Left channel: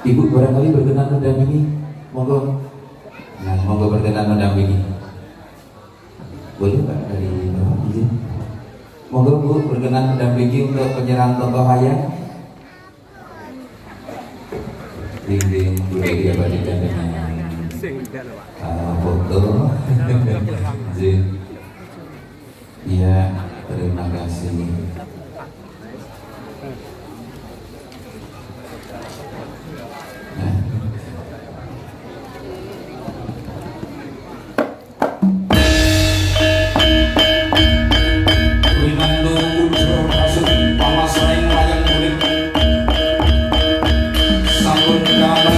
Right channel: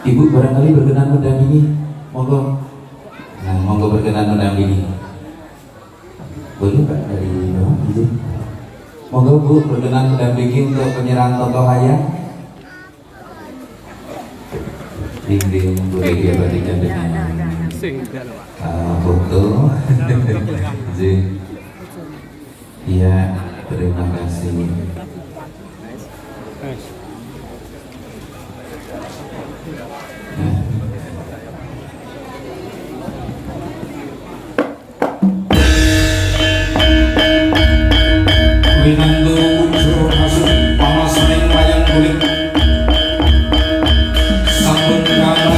Ibu barangkali berkenan mendampingi, monggo. Nah, monggo berkenan mendampingi. Boleh Pak dari Bapak izin. Monggo Bu berkenan mendampingi untuk penyerahan tokoh hayang. Dinding Bu Egi berikan dengan foto. Izin. Iya, terima kasih. Winando ujur masuk panas main wayang kulit sampun kalah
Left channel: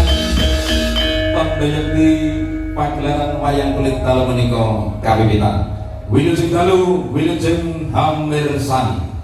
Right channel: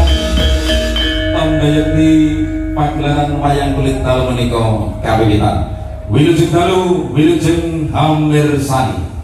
pambayekti pagelaran wayang kulit tahun menika kawiwitan wilujeng dalu wilujeng hamirsani.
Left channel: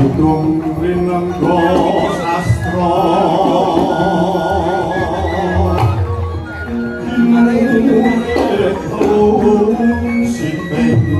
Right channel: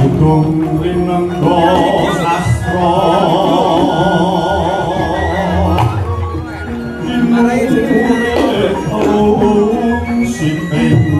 Udung rinenggo sastra Inung siping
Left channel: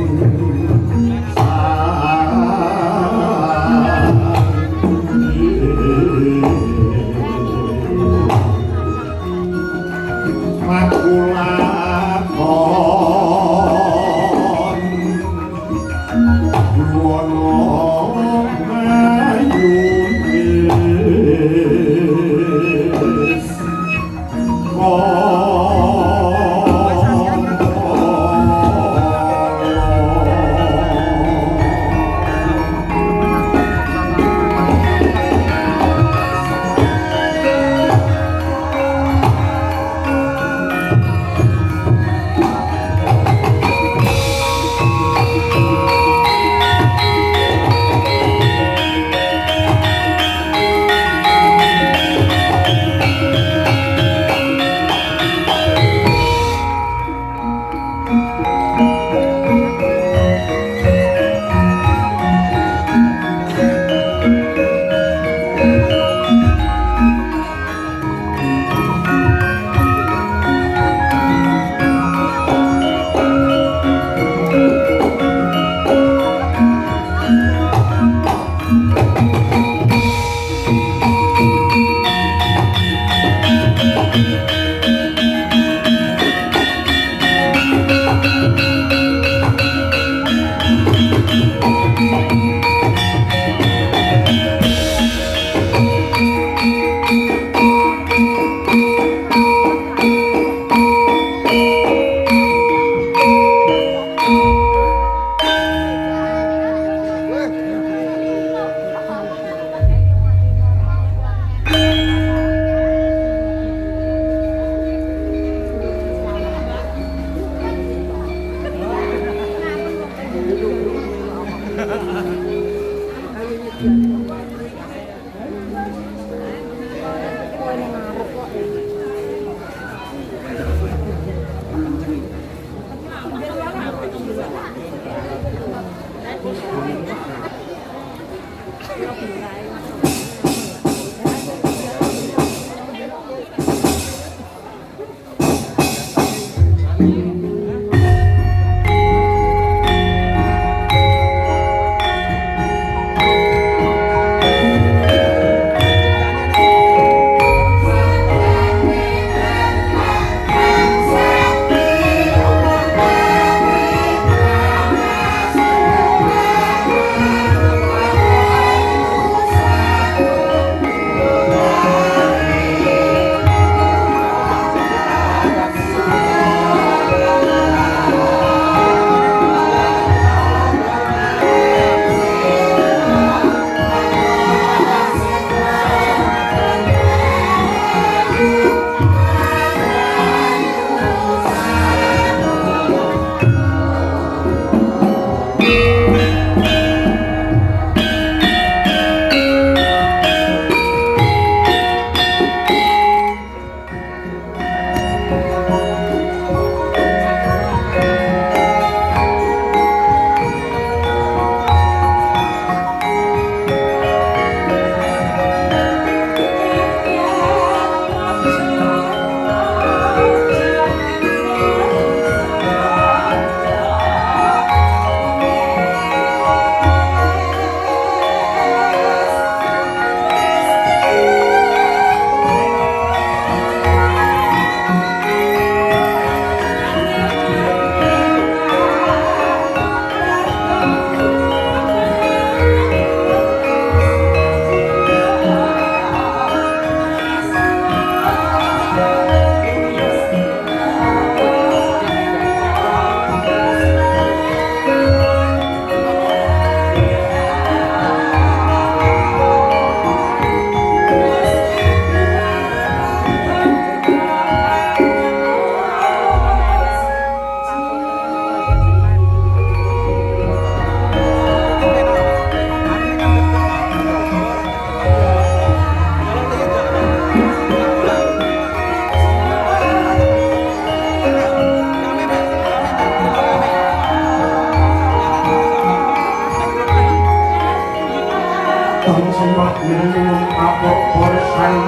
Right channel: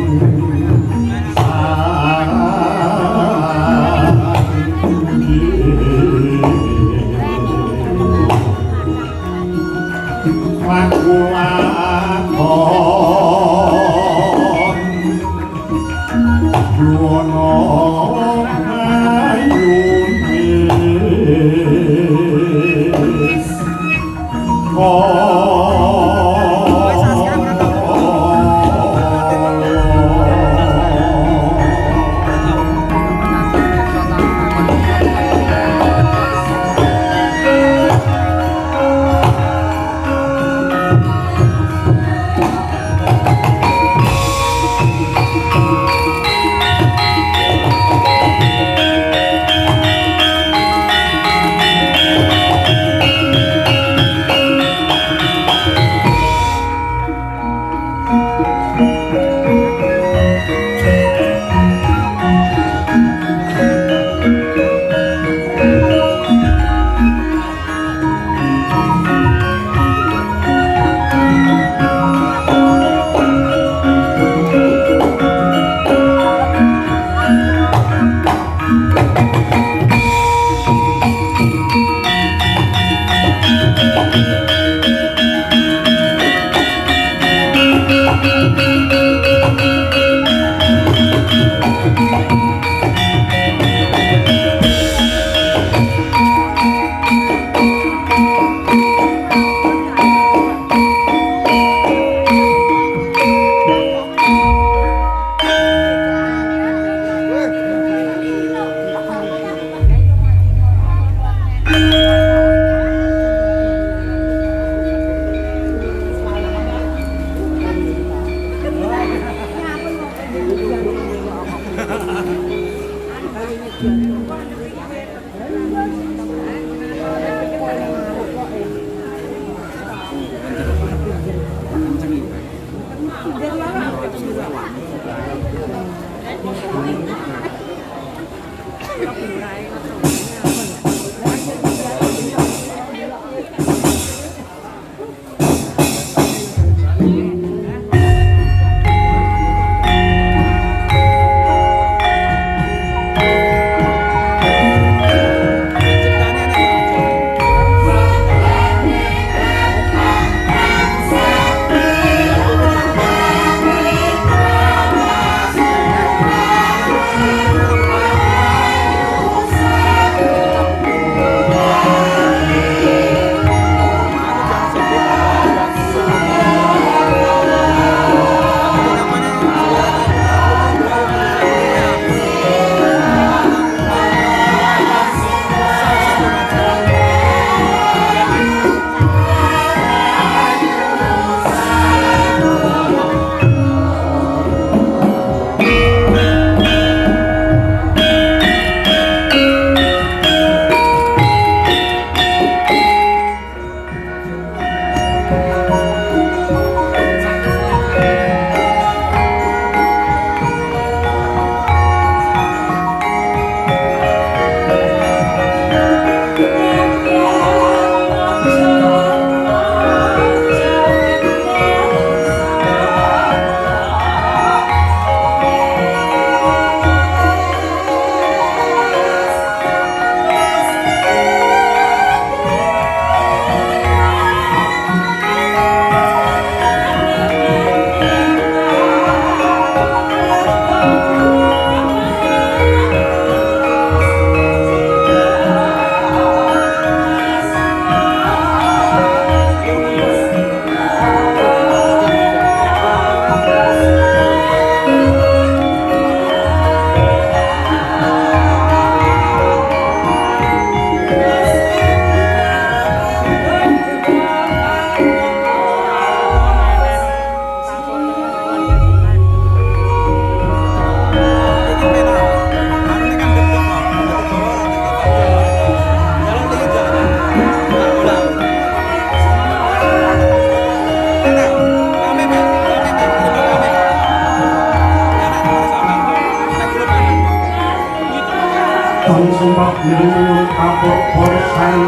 Nilung kapok borsan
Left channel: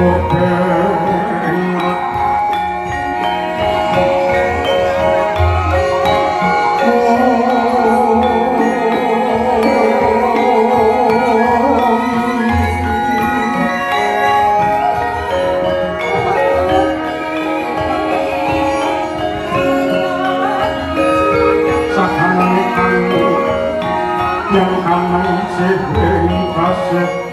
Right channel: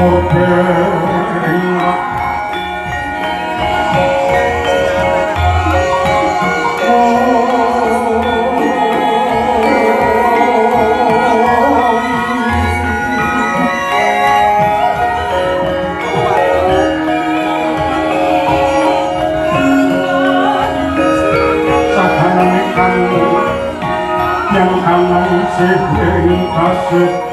Morbeng yang kanan sing kasih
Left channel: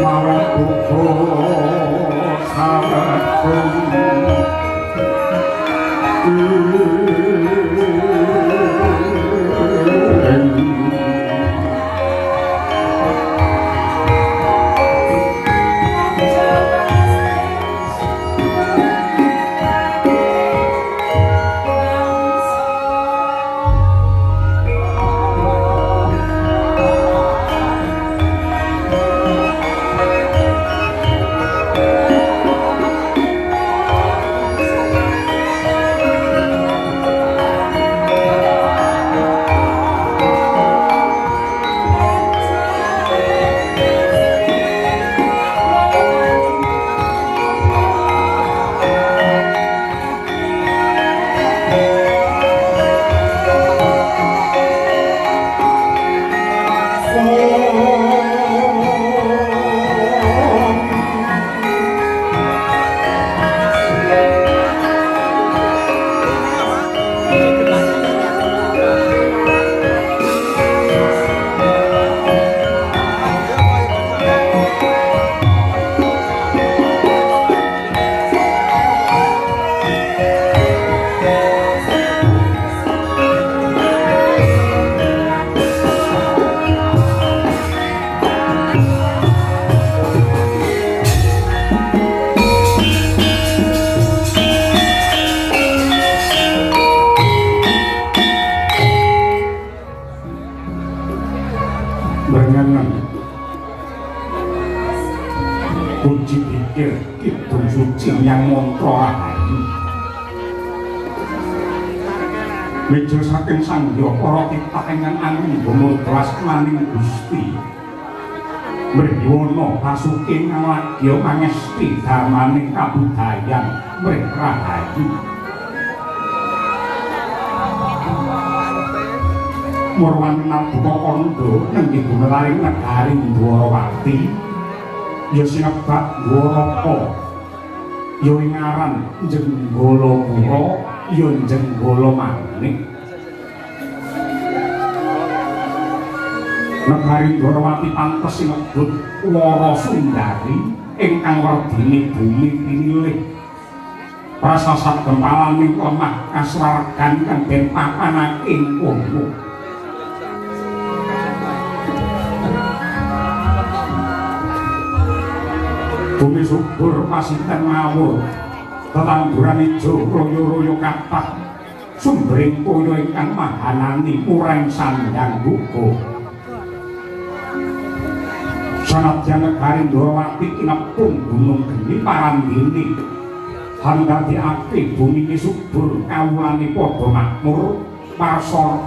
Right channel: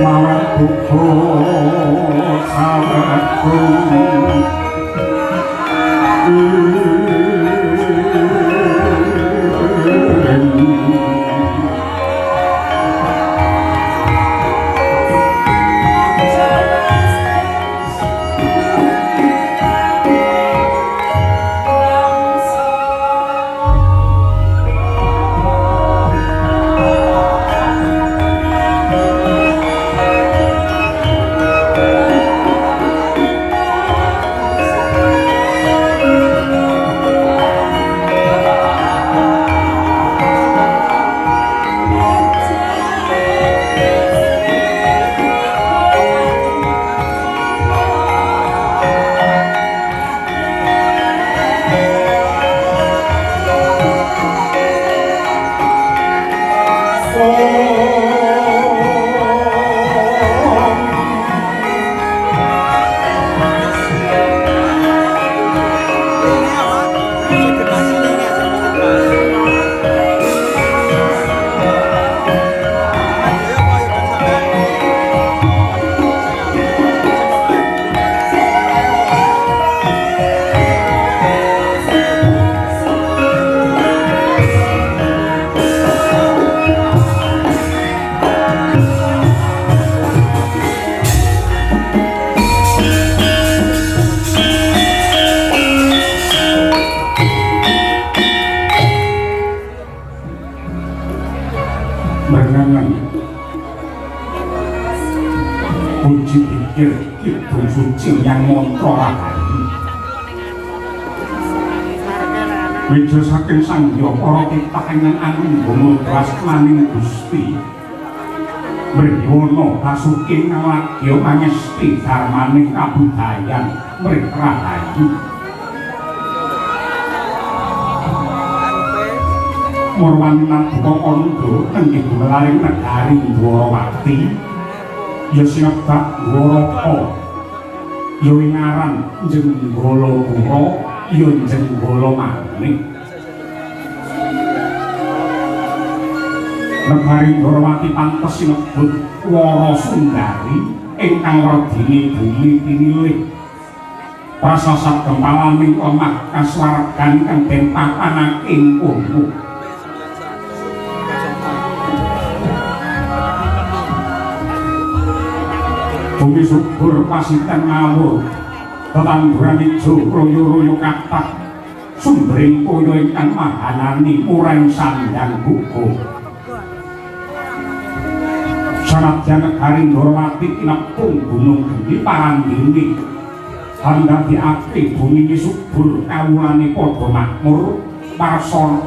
malah buku sahabatku puji pikir kidung suci yang mantra lahani meja saking sangya para titahengan anu ngomodras maning Gusti mriwana pasuke ngalagya pangesti dharmaning kabudayan mrih rahayu Murwani Nabuka Kandha nenggih gumelaring negari Dwarawati ya sinebak Dwaraka ya ngaran Jenggalapura ya Jenggala Manik negari Dwarawati pantes sinebut Warasundari ingkang redini bumi pinilih prasasat gempalaning omah kasuwargan kang den papanake ing kono bumi subur pasiten mawur tetangguran ijo royo-royo kathah sumbering toya ingkang mahanani mureng sandang buku sanadyan negari Dwarawati tinepung gunung geni parandini handhadekake bumi subur kawulane padha makmur warsa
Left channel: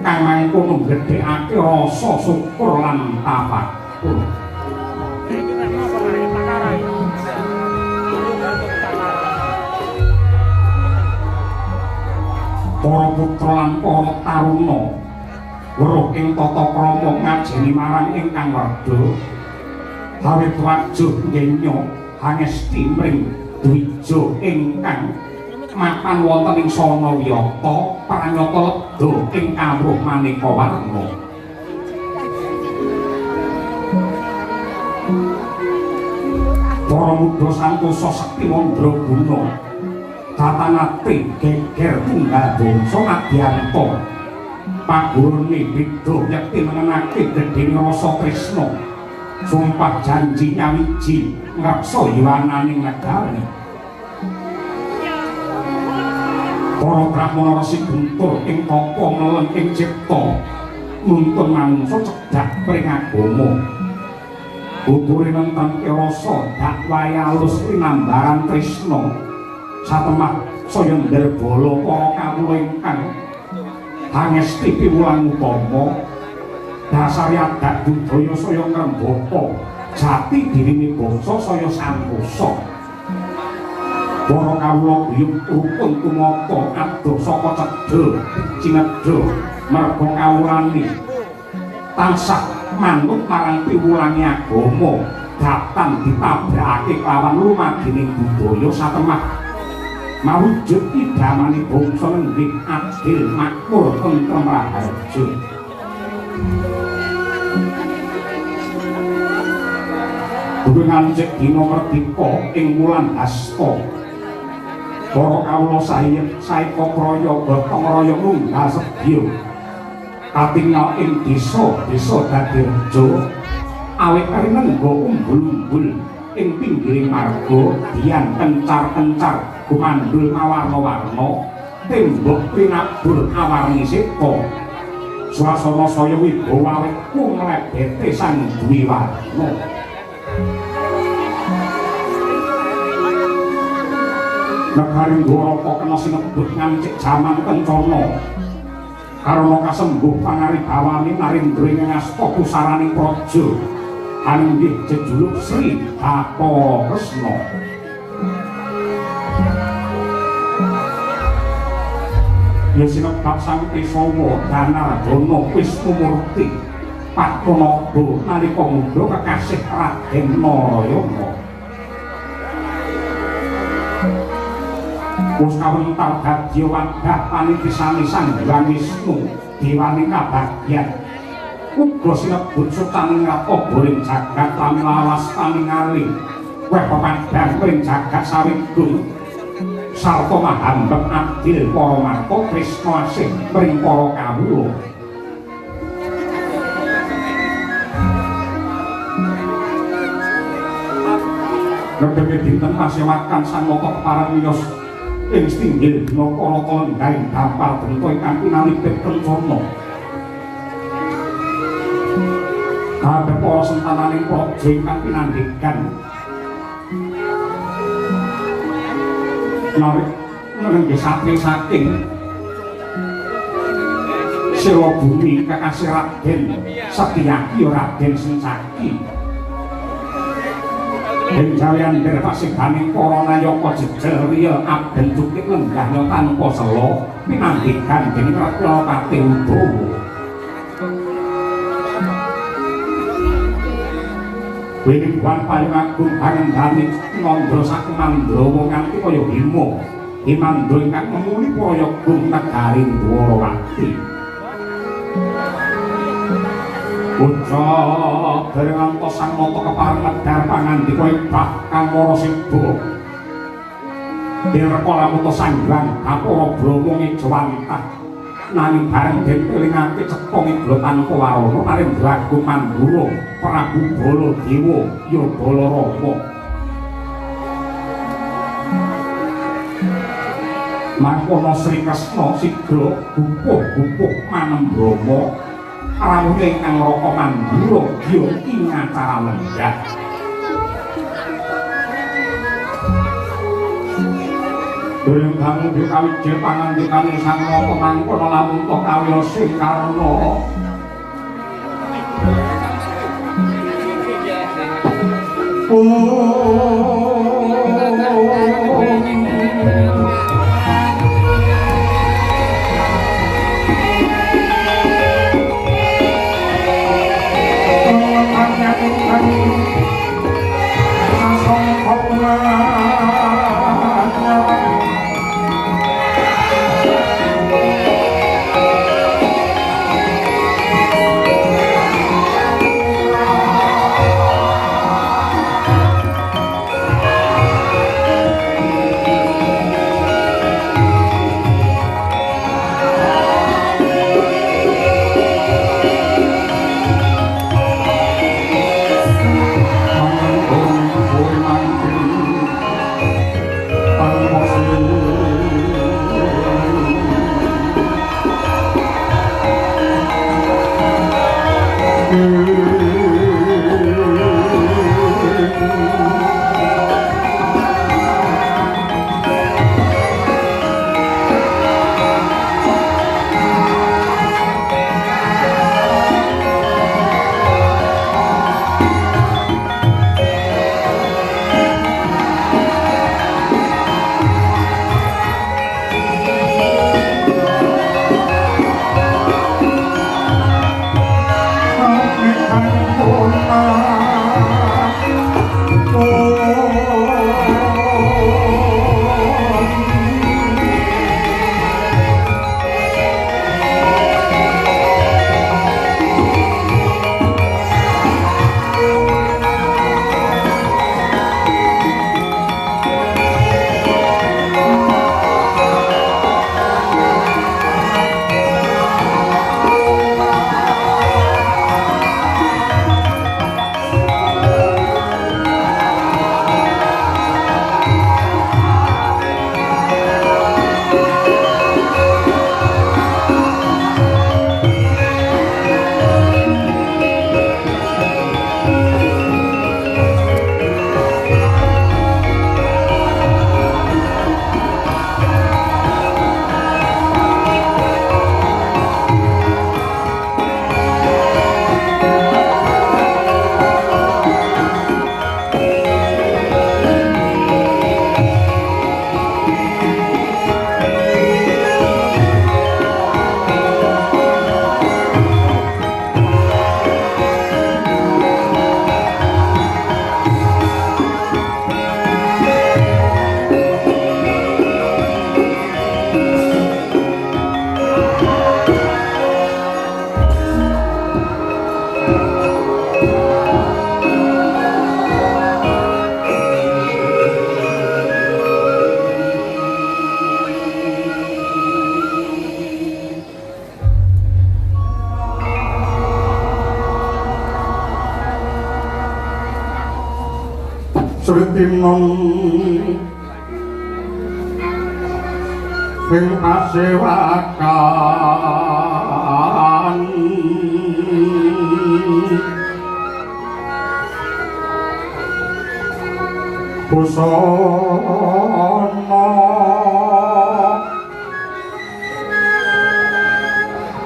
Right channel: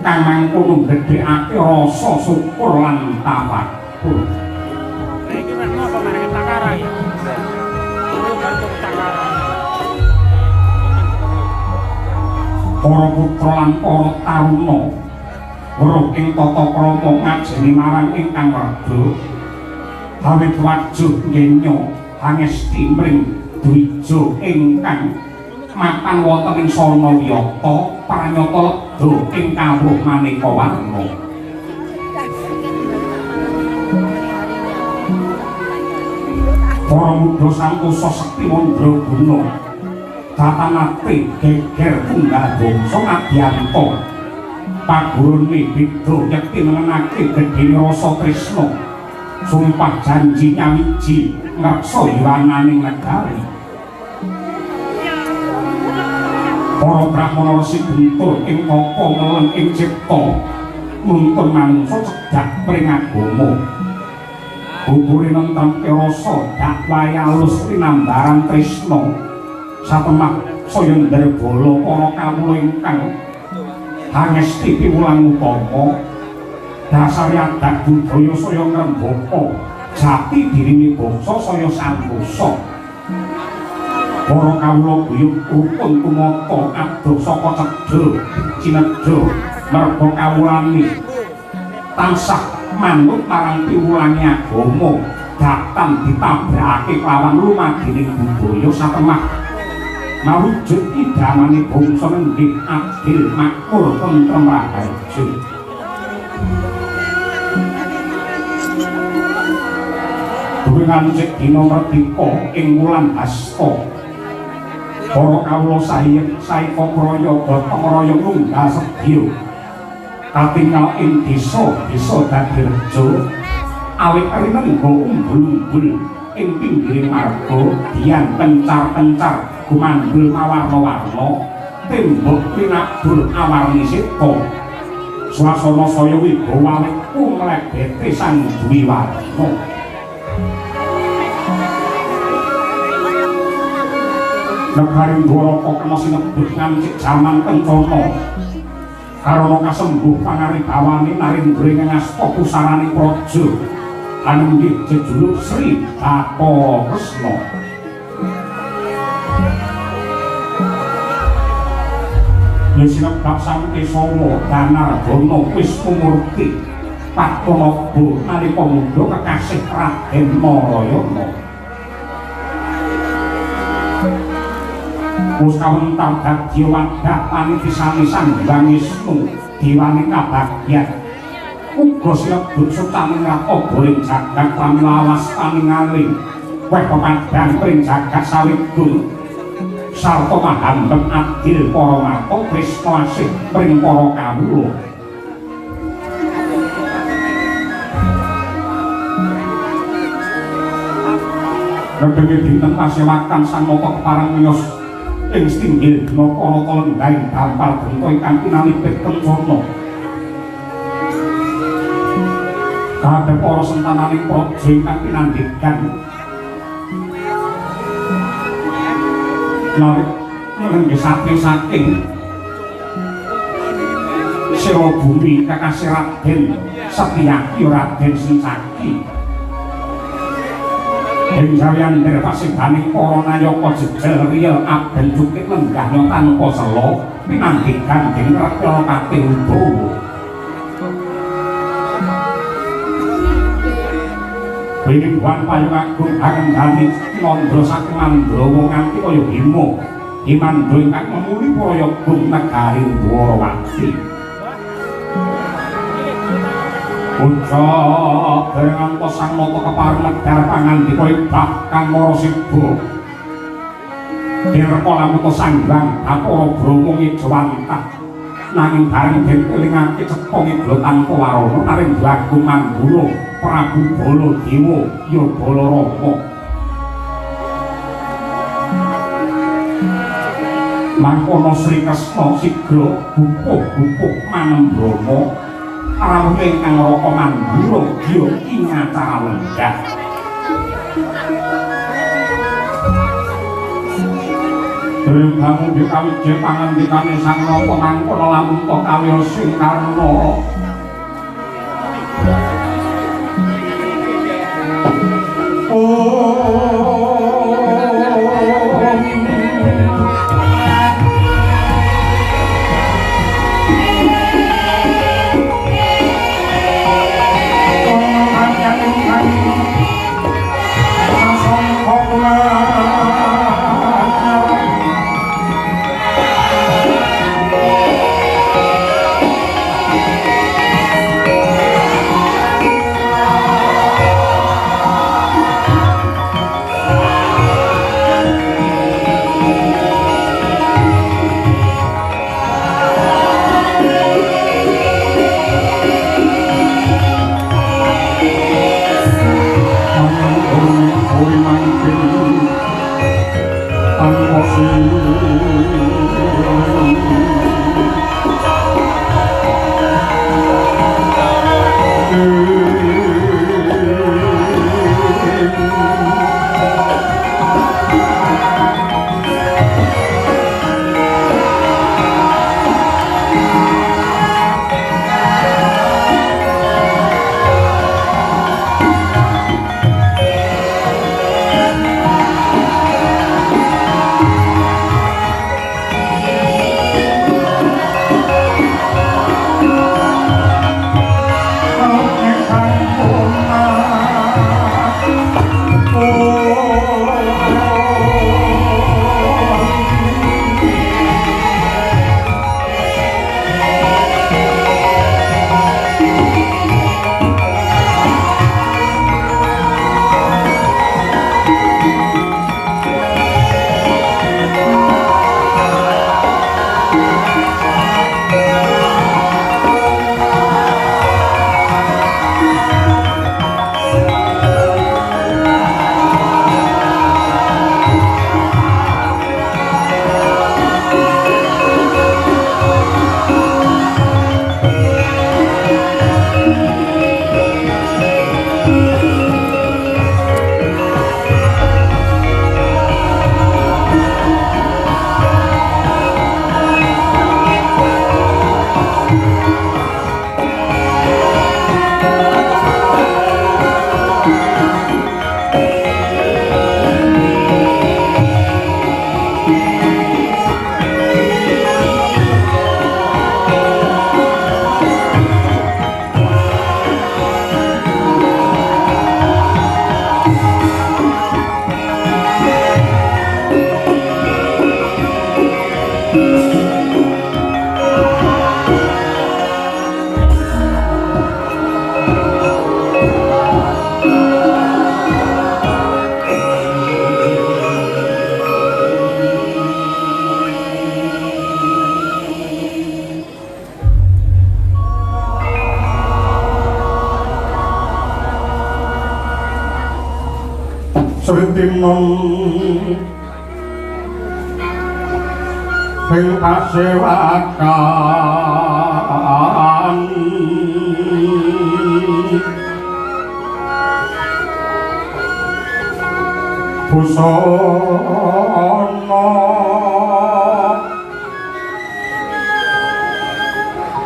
kang mangkono gedhekake rasa syukur lan tafakur para putra lan para taruna weruh ing tata krama ngajeni marang ingkang werda awit wajuh ngenya hangesti mring dwija ingkang mapan wonten ing sarana wiyata pranyata ledha ing kawruh maneka warna para mudha santosa sekti mandra guna katanate geger tunggal bangsa Adyanta pagurune beda yakti menenake gedhene rasa tresna sumpah janji nyawiji ngreksa yurananing negari para brahmana resi guntur ing kapa melen ing cipta nuntun manungsa cedhak pring agama. Bubure nentang rasa dakwaya alus rinambaran tresna satemah saya ndarbala para kawula ingkang hangesti piwulang utama dasar adat budaya saya ngrembaka jati dirine bangsa saya santosa. Para kawula guyub rukun tumata adoh saka cedha cinedha merga kawulane tansah manut marang piwulange agama datang ditabrakake lawan lumagining budaya satemah mawujud idamane bangsa nggih adil makmur tentrem raharja. Durungan cek dina merdeka ing wulan Hasta para kawula saeka kraya gotong royong lunggal sedya katingal ing desa dadi reja awit rinengga umbul-umbul ing pinggiring marga dian kencar-kencar gumandul mawarna-warna tembok pinabur awarni seta swasana saya wibawa awit kumlebete sang duwi warna. Negari Dwaraka kena sinebut ngancik jaman kencana karena kasembuh pangaribawani narindra ngasta pusarani praja anenggih jejuluk Sri Bathara Kresna. Ya sinebat Sangke Soma Danardana Wisnumurti Padmanaba nalika mudha kekasih Raden Narayana. Wis kawentar dadi wadah panitisanisan Hyang Wisnu diwani kabagyan uga sinebut sutaning rata ing jagat pramlawas paningali weh pekadang ing jagat sawidul sarta mahambet adil para marta tresna asih ing para kawula. Ngendhene dinten pasewakan sang mata kepareng miyos ing stinggil dina kana lenggaring dampal bengko ingkang pinanipit kencana. Kabeh para sentananing praja ingkang pinandikan nggih saking Sewa Bumi Kakasih Raden Setyaki Raden Sencaki Benjawian derpasingganing para nayaka jejel riya aben cukik lenggahnya tanpa sela pinandikan dening Ratna Kati Udawa. Wiwit wan payung agung anendani Mandra saking Mandrawa nganti kaya Bima Himandra ingkang memuli prayogung negari Dwarawati. Ucap bareng ngantos sang mata kepareng medhar pangandika ing bab kang Marasida. Direka lamuka sanggang apara Brama ngijawantah nanging bareng den kelingake cepong iglo tanpa warana Narendra Agung Manggura Prabu Baladewa ya Balarama. Mangkono Sri Kresna sigra gupuh-gupuh manambrama rawuh ingkang Raka Manggura ya ing acara lenggah. Kamu dikawiji pangandikane sang Raka mangkono lamun to kawil sing karna. Switinun sing pasewakan busana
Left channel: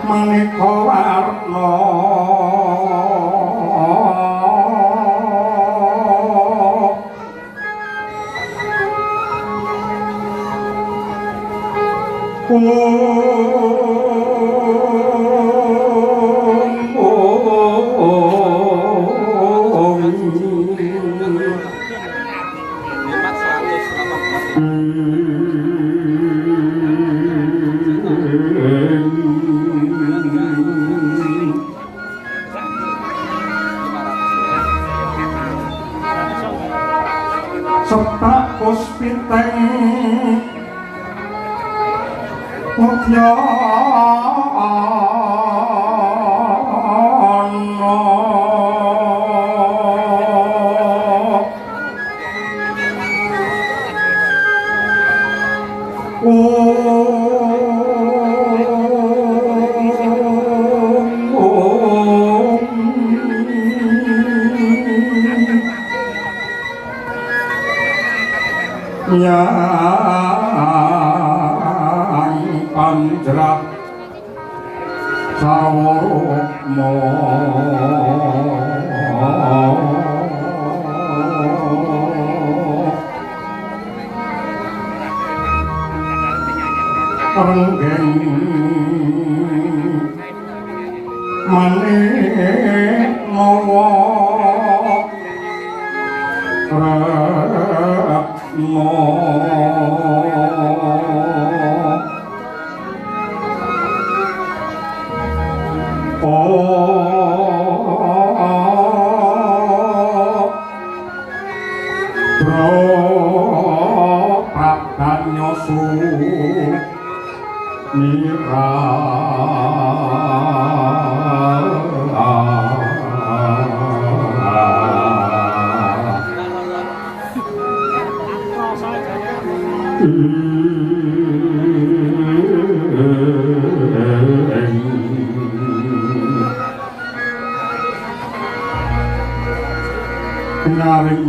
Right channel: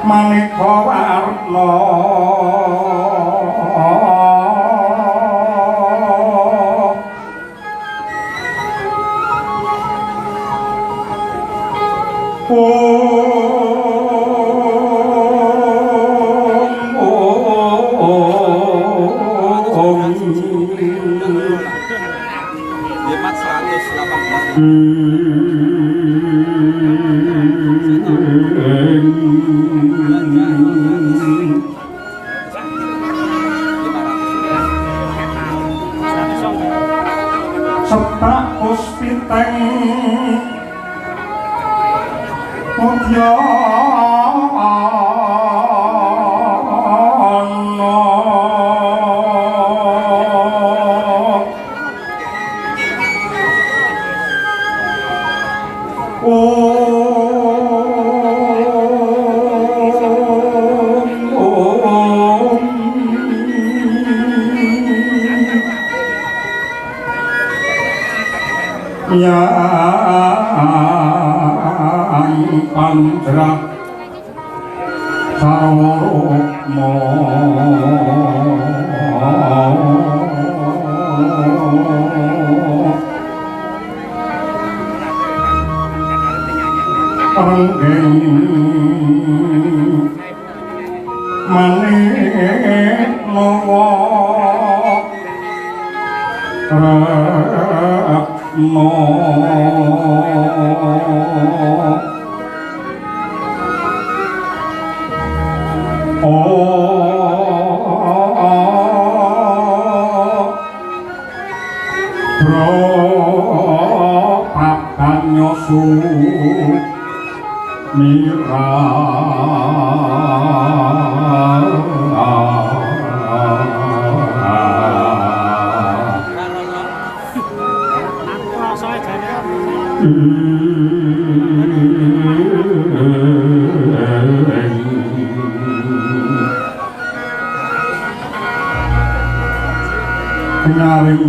maneka warna Sepak puspiteng mutya yang pamjrak sarokmo renggeng manik mawa no bro papan nyosu mira nyaring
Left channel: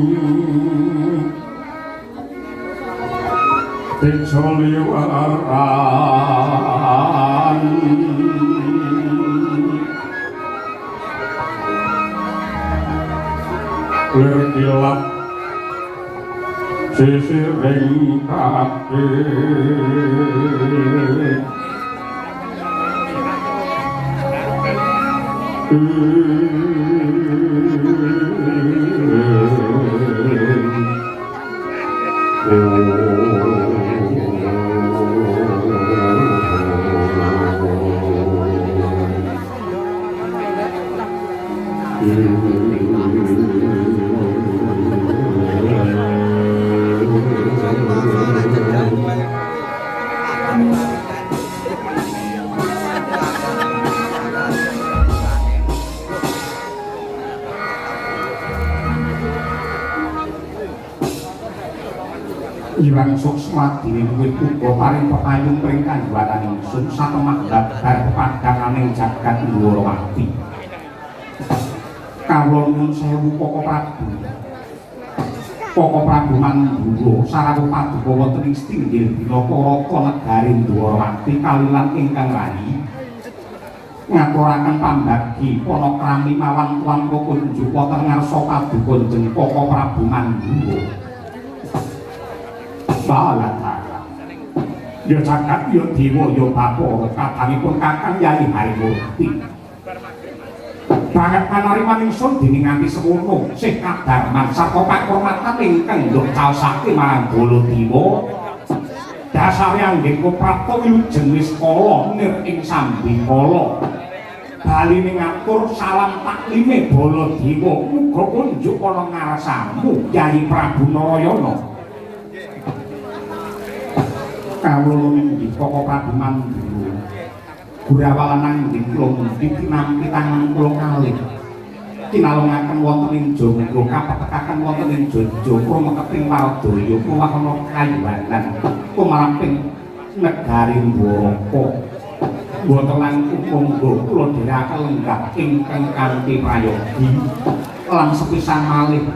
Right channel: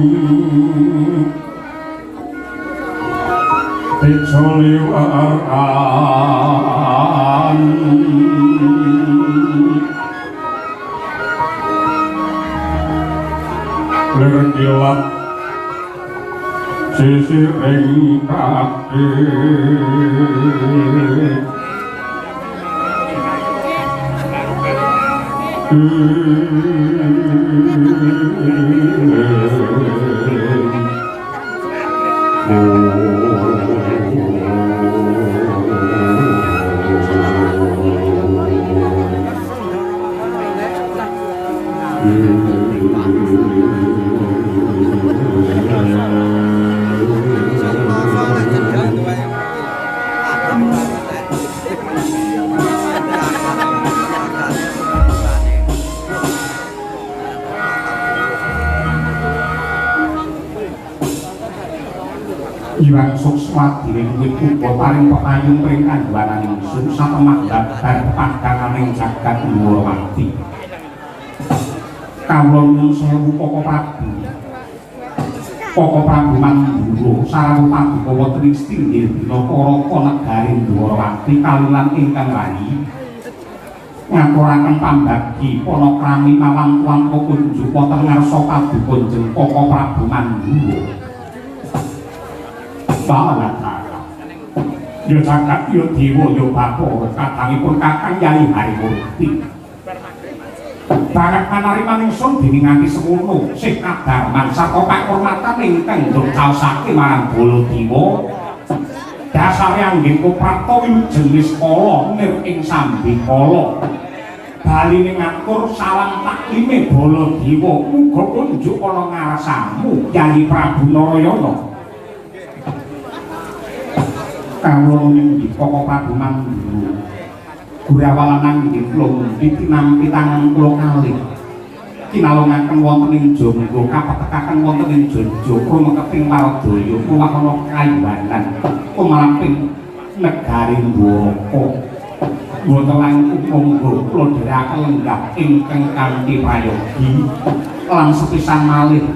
pecoli waran lergilap sisiring kaki Iwang Suksma diwiwit uga paring pekayung pring kandhuaran ingsun satemah dabar padhananing jagat Dwarawati. Kawula nyuwun sewu Koko Prabu. Koko Prabu Mandura sarawuh paduka wonten ing Stinggil dina Paraka negari Dwarawati kalilan ingkang rayi. Ngaturaken pambagi panakrami malam tuan kunjuk wonten ngarsa paduka Jeng Koko Prabu Mandura. Balata ya jagat ya dewa ya bapak kadangipun kakang Yai Harimurti banget panariman ingsun dening nganti semono sih kadangan saka kahormatan ingkang ndongcaosake marang Baladewa dasare anggih Koprato jenis kala nir ing sambikala baline ngatur salam taklime Baladewa muga kunjuk ana ngarsamu Yayi Prabu Narayana kawula nindika Prabu Mandura Gurawalan anggih kula pitinampi tangan kula kalih kinalongaken wonten ing Jonggo kapetekaken wonten ing Jojo rumeketing Waldaya kuwahana kayuhanan kumlamping negari Dwaraka wonten lan monggo kula dherekaken lenggah ingkang kanthi prayogi lan sepisan malih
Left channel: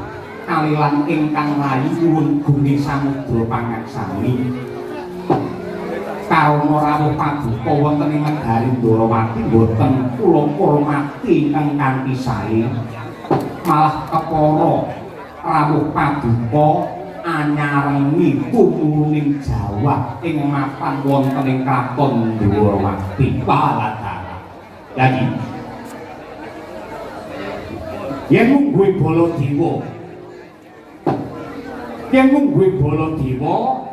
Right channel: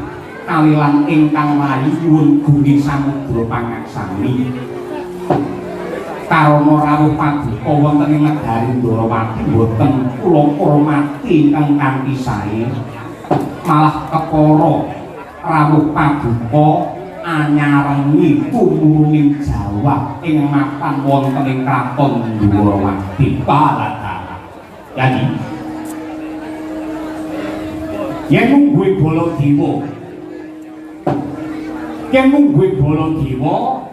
kalilan ingkang mayu nyuwun gunging samudra pangaksami karana rawuh paduka wonten ing negari Ndrawati boten kula hormati ingkang kanthi sae malah kepara rawuh paduka anyarengi tumurung Jawa ing mapan wonten ing kraton Ndrawati kaladara. Jadi yen mungguhe Baladewa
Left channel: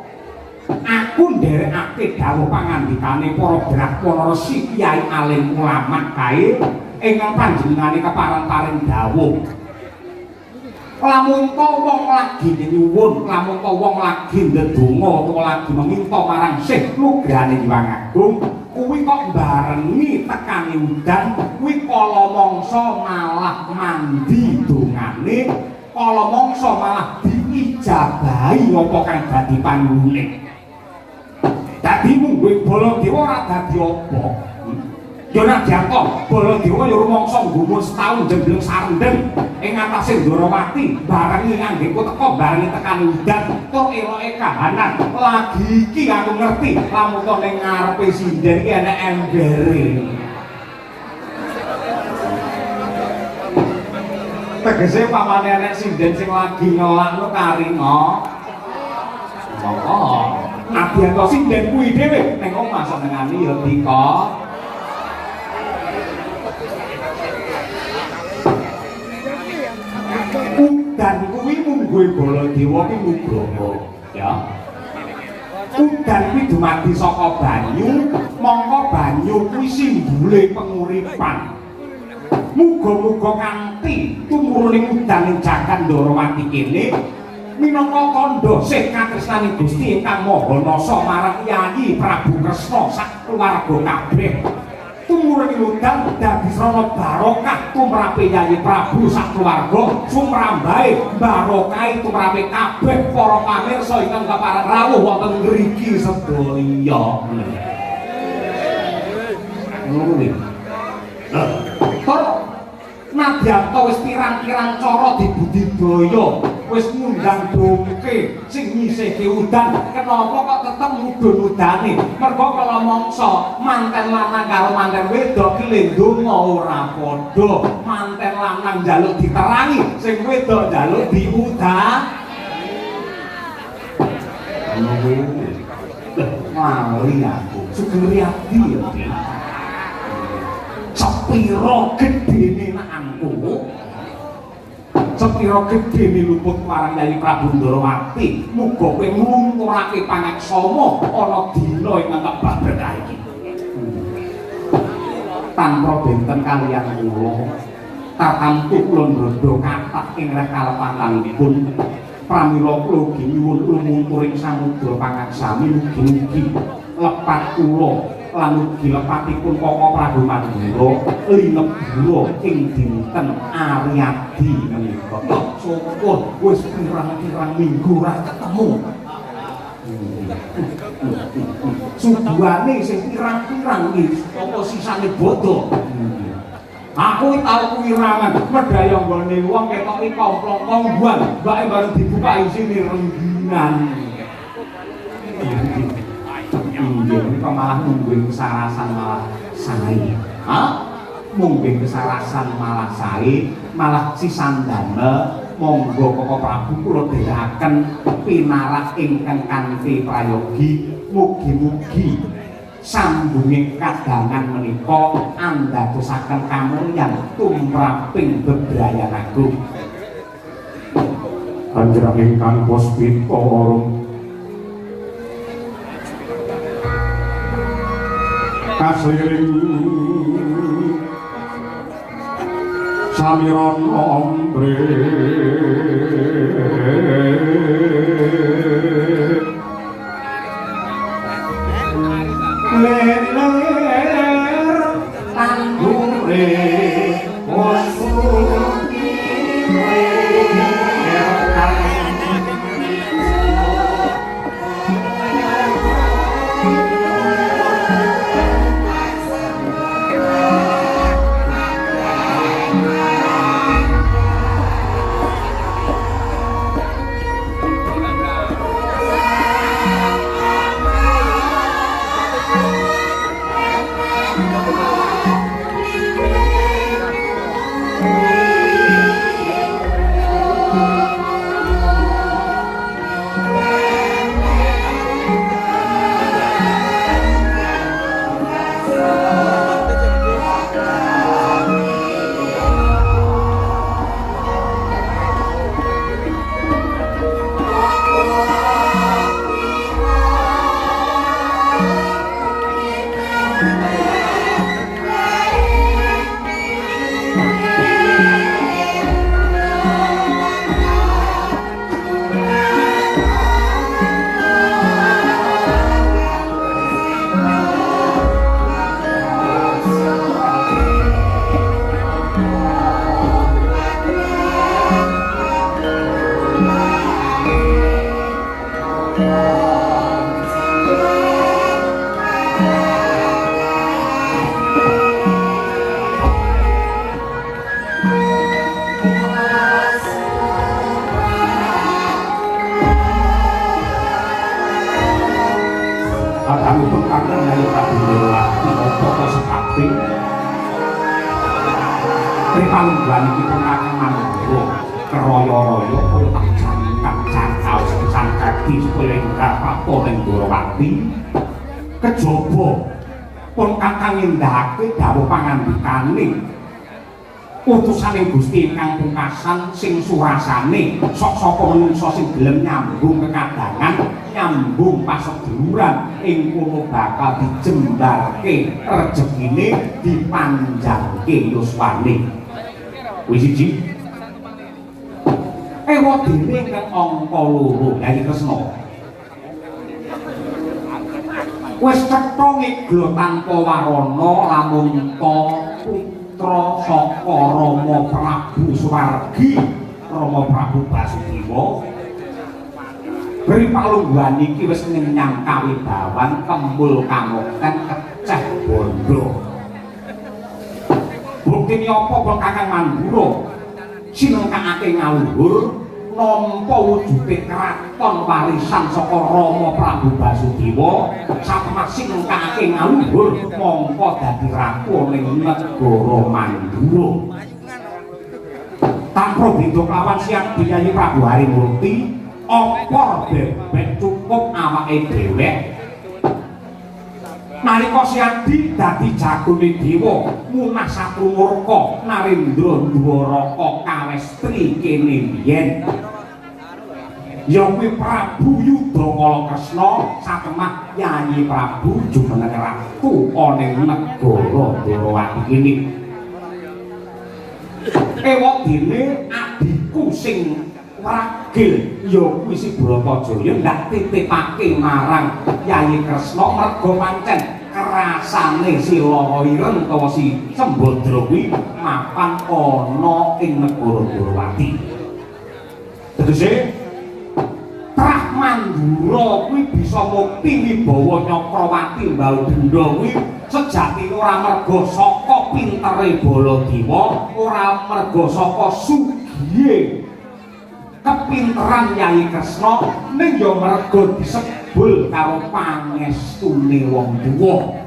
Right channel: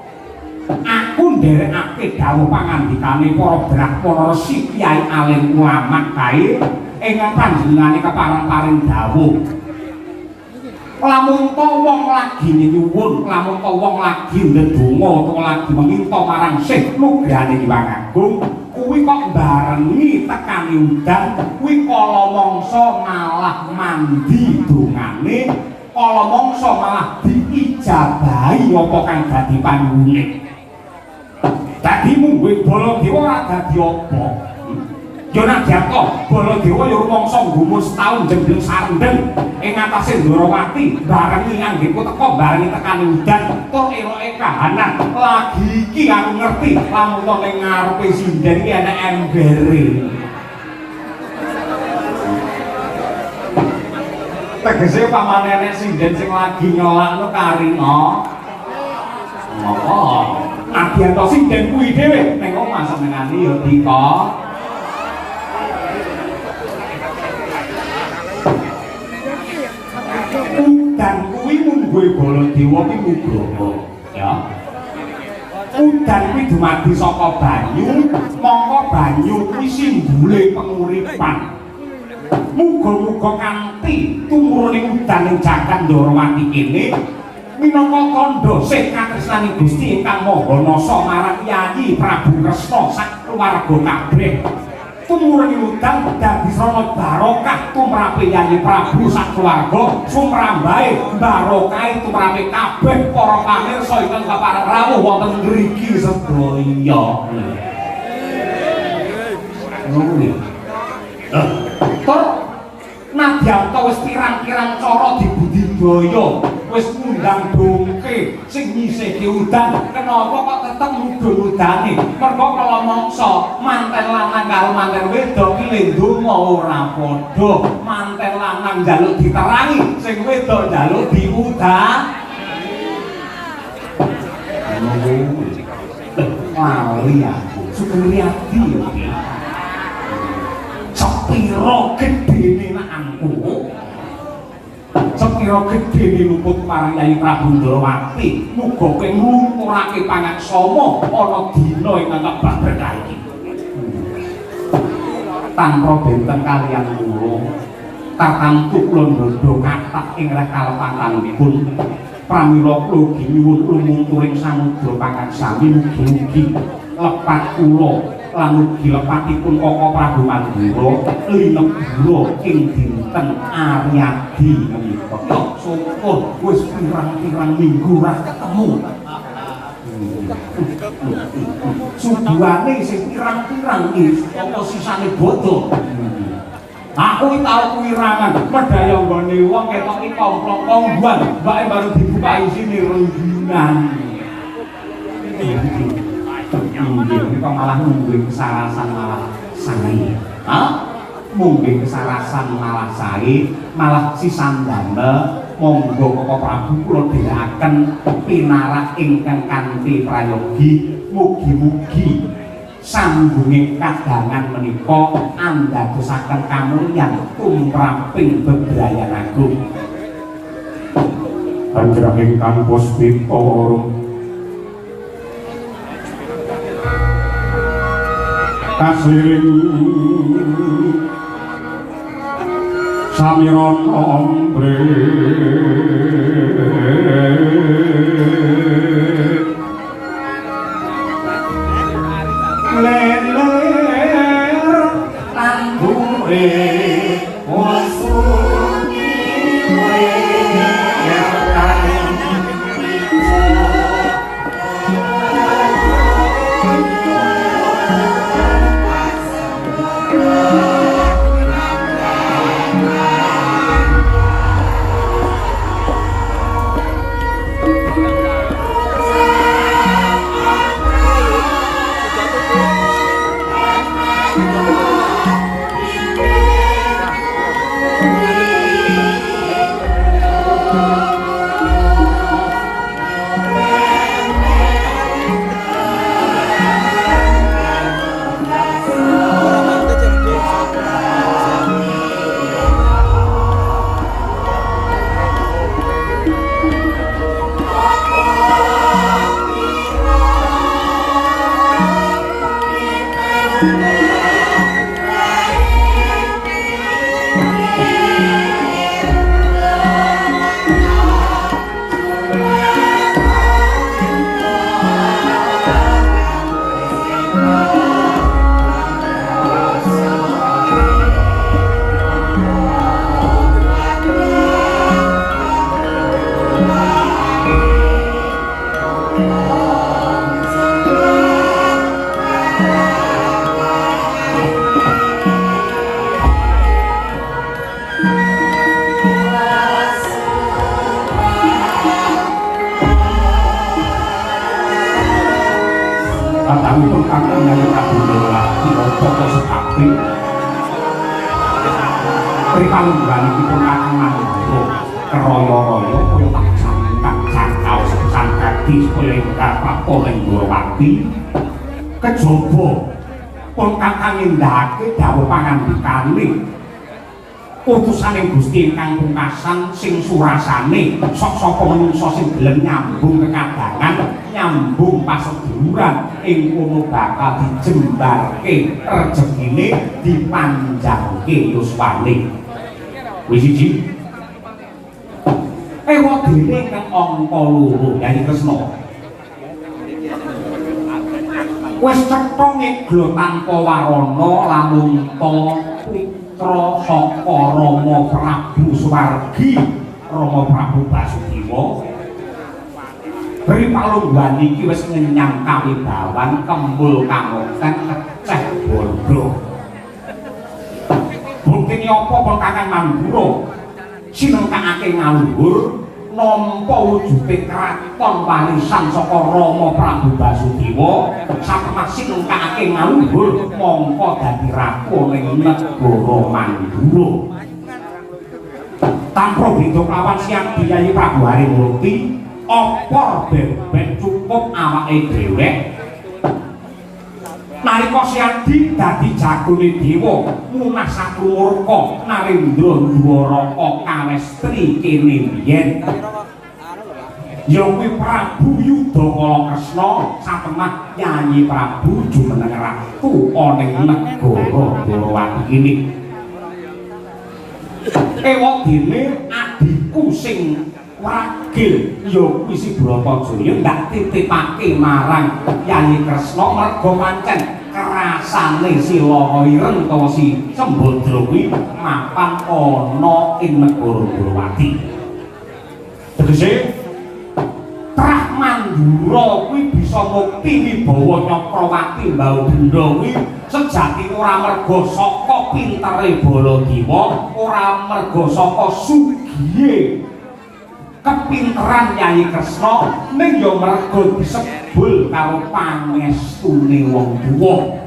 aku nderekake dawuh pangandikane para Brahmana Resi Kyai Alim Ulama kae ingkang panjenengane kepareng-pareng dawuh lamun to wong lagi nyuwun lamun to wong lagi ndedonga utawa lagi meminta marang Sih Nugrahane Hyang Agung kuwi kok barengi tekaning udan kuwi kala mangsa malah mandi dongane kala mangsa malah diijabahi apa kang dadi pangune dadi mungguhe Baladewa ora dadi apa ya nek jatuh Baladewa ya rumangsa nggumun setahun jembleng sarendem ing atase Ndrawati barengi anggengku teka barengi tekani udan tur eloke kahanan lagi iki aku ngerti lamun to ning ngarepe sinden iki ana embere tegese pamane nek sinden sing lagi nyolakno karina oh nadyan to sinden kuwi dhewe ning omah senengane ya dika udan kuwi mungguhe Baladewa ki nugroho ya udan kuwi dumadi saka banyu mongko banyu kuwi simbole penguripan muga-muga kanthi tumurune udan ing jagat Ndrawati kene minangka kandha sih katresnaning Gusti ingkang Maha Nasa marang Yayi Prabu Kresna sak keluarga kabeh tumurune udan dadi srana barokah tumrape Yayi Prabu sak keluarga sumrambahe barokahe tumrape kabeh para pamirsa ingkang kapareng rawuh wonten mriki sedaya kok nadyan to wis pirang-pirang cara dibudidaya wis ngundang dongke sing nyisihke udan kenapa kok tetep mudhun udane mergo kala mangsa manten lanang karo manten wedok ki ndonga ora padha manten lanang njaluk diterangi sing wedok njaluk diudan wali aku sugeng riyadi ya sepiro gedene anakku sepiro gedene luput marang Yayi Prabu Ndrawati muga kowe nglumpurake pangaksama ana dina ing ngepak berkah iki tanpa benten kaliyan kula tartamtu kula ndodho kathah ing reh kalepatanipun pramila kula nyuwun lumungturing samudra pangaksami mugi-mugi lepat kula lan ugi lepatipun Koko Prabu Mandura linebura ing dinten Aryadi menika. Sapa wis pirang-pirang minggu ora ketemu. Subuhane sing pirang-pirang iki apa sisane bodho. Aku iki tau kuwirangan medaya nggone wong ketoke komplong-kombuan, mbake baru dibuka isine rengginan. Mungkin malah mungkin kesarasan malah sae. Mungkin kesarasan malah sae, malah sisandana monggo Koko Prabu kula dherekaken pinarak ingkang kanthi prayogi mugi-mugi sambunging kadangan menika andadosaken kamulyan tumraping bebrayan agung. Panjenengan ingkang puspita kasiring samiron ombre leler tandure kejaba pun kakang nindakake dawuh pangandikane utusaning Gusti ingkang pungkasan sing surasane sok sapa manungsa sing gelem nyambung kekadangan nyambung paseduluran ing kono bakal dijembarke rejekine dipanjangke yuswane wis siji ewa dene kang angka loro Yayi Kresna wis cetha ngeglo tanpa warana lamun ta putra saka Rama Prabu Suwargi Rama Prabu Basudewa beri palungguhan iki wis ngenyang kawibawan kembul kamoten keceh bondo bukti apa pun kakang Mandura sinengkake ngaluhur nampa wujude kraton warisan saka Rama Prabu Basudewa satemah sinengkake ngaluhur mongko dadi ratu ning negara Mandura tanpa beda lawan siap Yayi Prabu Harimurti apa bebek cukup awake dhewek nalika Siadi dadi jagone dewa munah satrumurka Narendra Dwaraka kawestri kene biyen ya kuwi Prabu Yudakala Kresna satemah Yayi Prabu jumeneng ratu ana ing negara Dewawati kene ewok dene adikku sing ragil ya kuwi si Bratajaya ndak titipake marang Yayi Kresna merga pancen kerasane si Laireng utawa si Sembadra kuwi mapan ana ing negara Dewawati. Tegese Trah Mandura kuwi bisa mukti wibawa Nyakrawati Mbau Denda kuwi sejati ora merga saka pintere Baladewa, ora merga saka sugihe kepinteran Yayi Kresna ning ya merga disebul karo pangestune wong tuwa.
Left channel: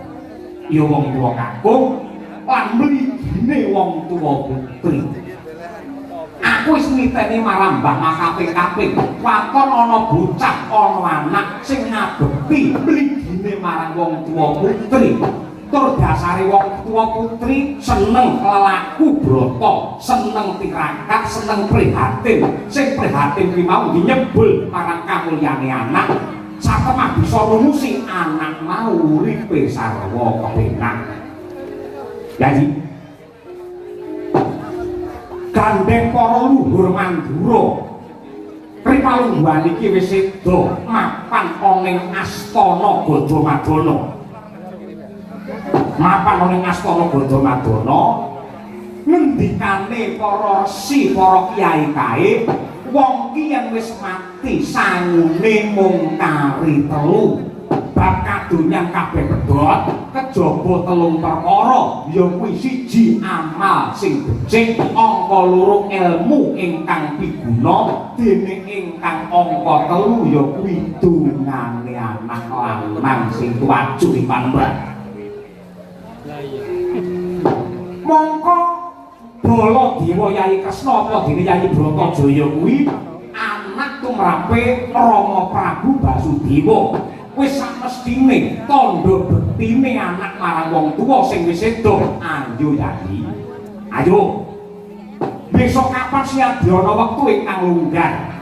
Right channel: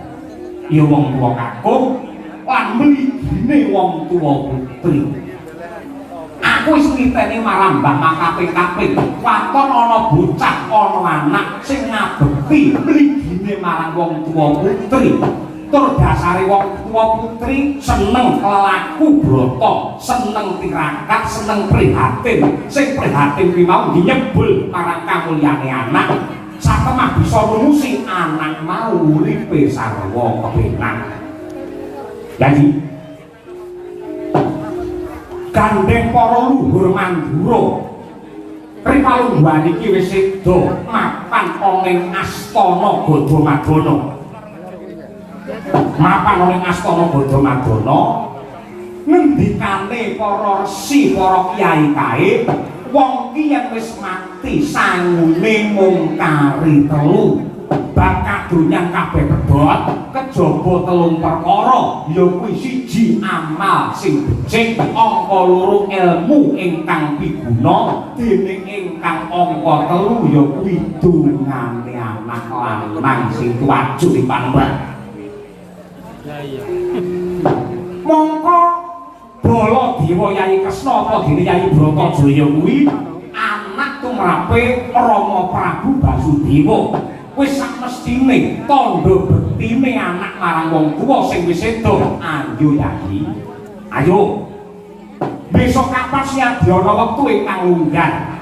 Ya wong tuwa kakung lan mligine wong tuwa putri. Aku wis ngiteni marambah makaping-kaping waton ana bocah ana anak sing ngabekti mligine marang wong tuwa putri. Tur dasare wong tuwa putri seneng lelaku brata, seneng tirakat, seneng prihatin. Sing prihatin kuwi mau nyebul marang kamulyane anak, satemah bisa lumusi anak mau uripe sarwa kepenak. Jadi gandeng para luhur Mandura Ripalungguhan iki wis sedo mapan ning astana Gadamadana. Mapan ning astana Gadamadana ngendikane para resi para kyai kae wong ki yen wis mati sangune mung kari telu bab kadonyan kabeh pedhot kejaba telung perkara ya kuwi siji amal sing becik angka loro ilmu ingkang piguna dening ingkang angka telu ya kuwi dungane anak lanang sing tuaju ing pamrih. Mongko Bala Dewa Yai Kresna apa dene Yai Bratajaya kuwi anak tumrape Rama Prabu Basudewa. Wis samestine tandha bektine anak marang wong tuwa sing wis sedo. Ayo Yai. Ayo. Besok kapan siadyana wektu ingkang lungguh.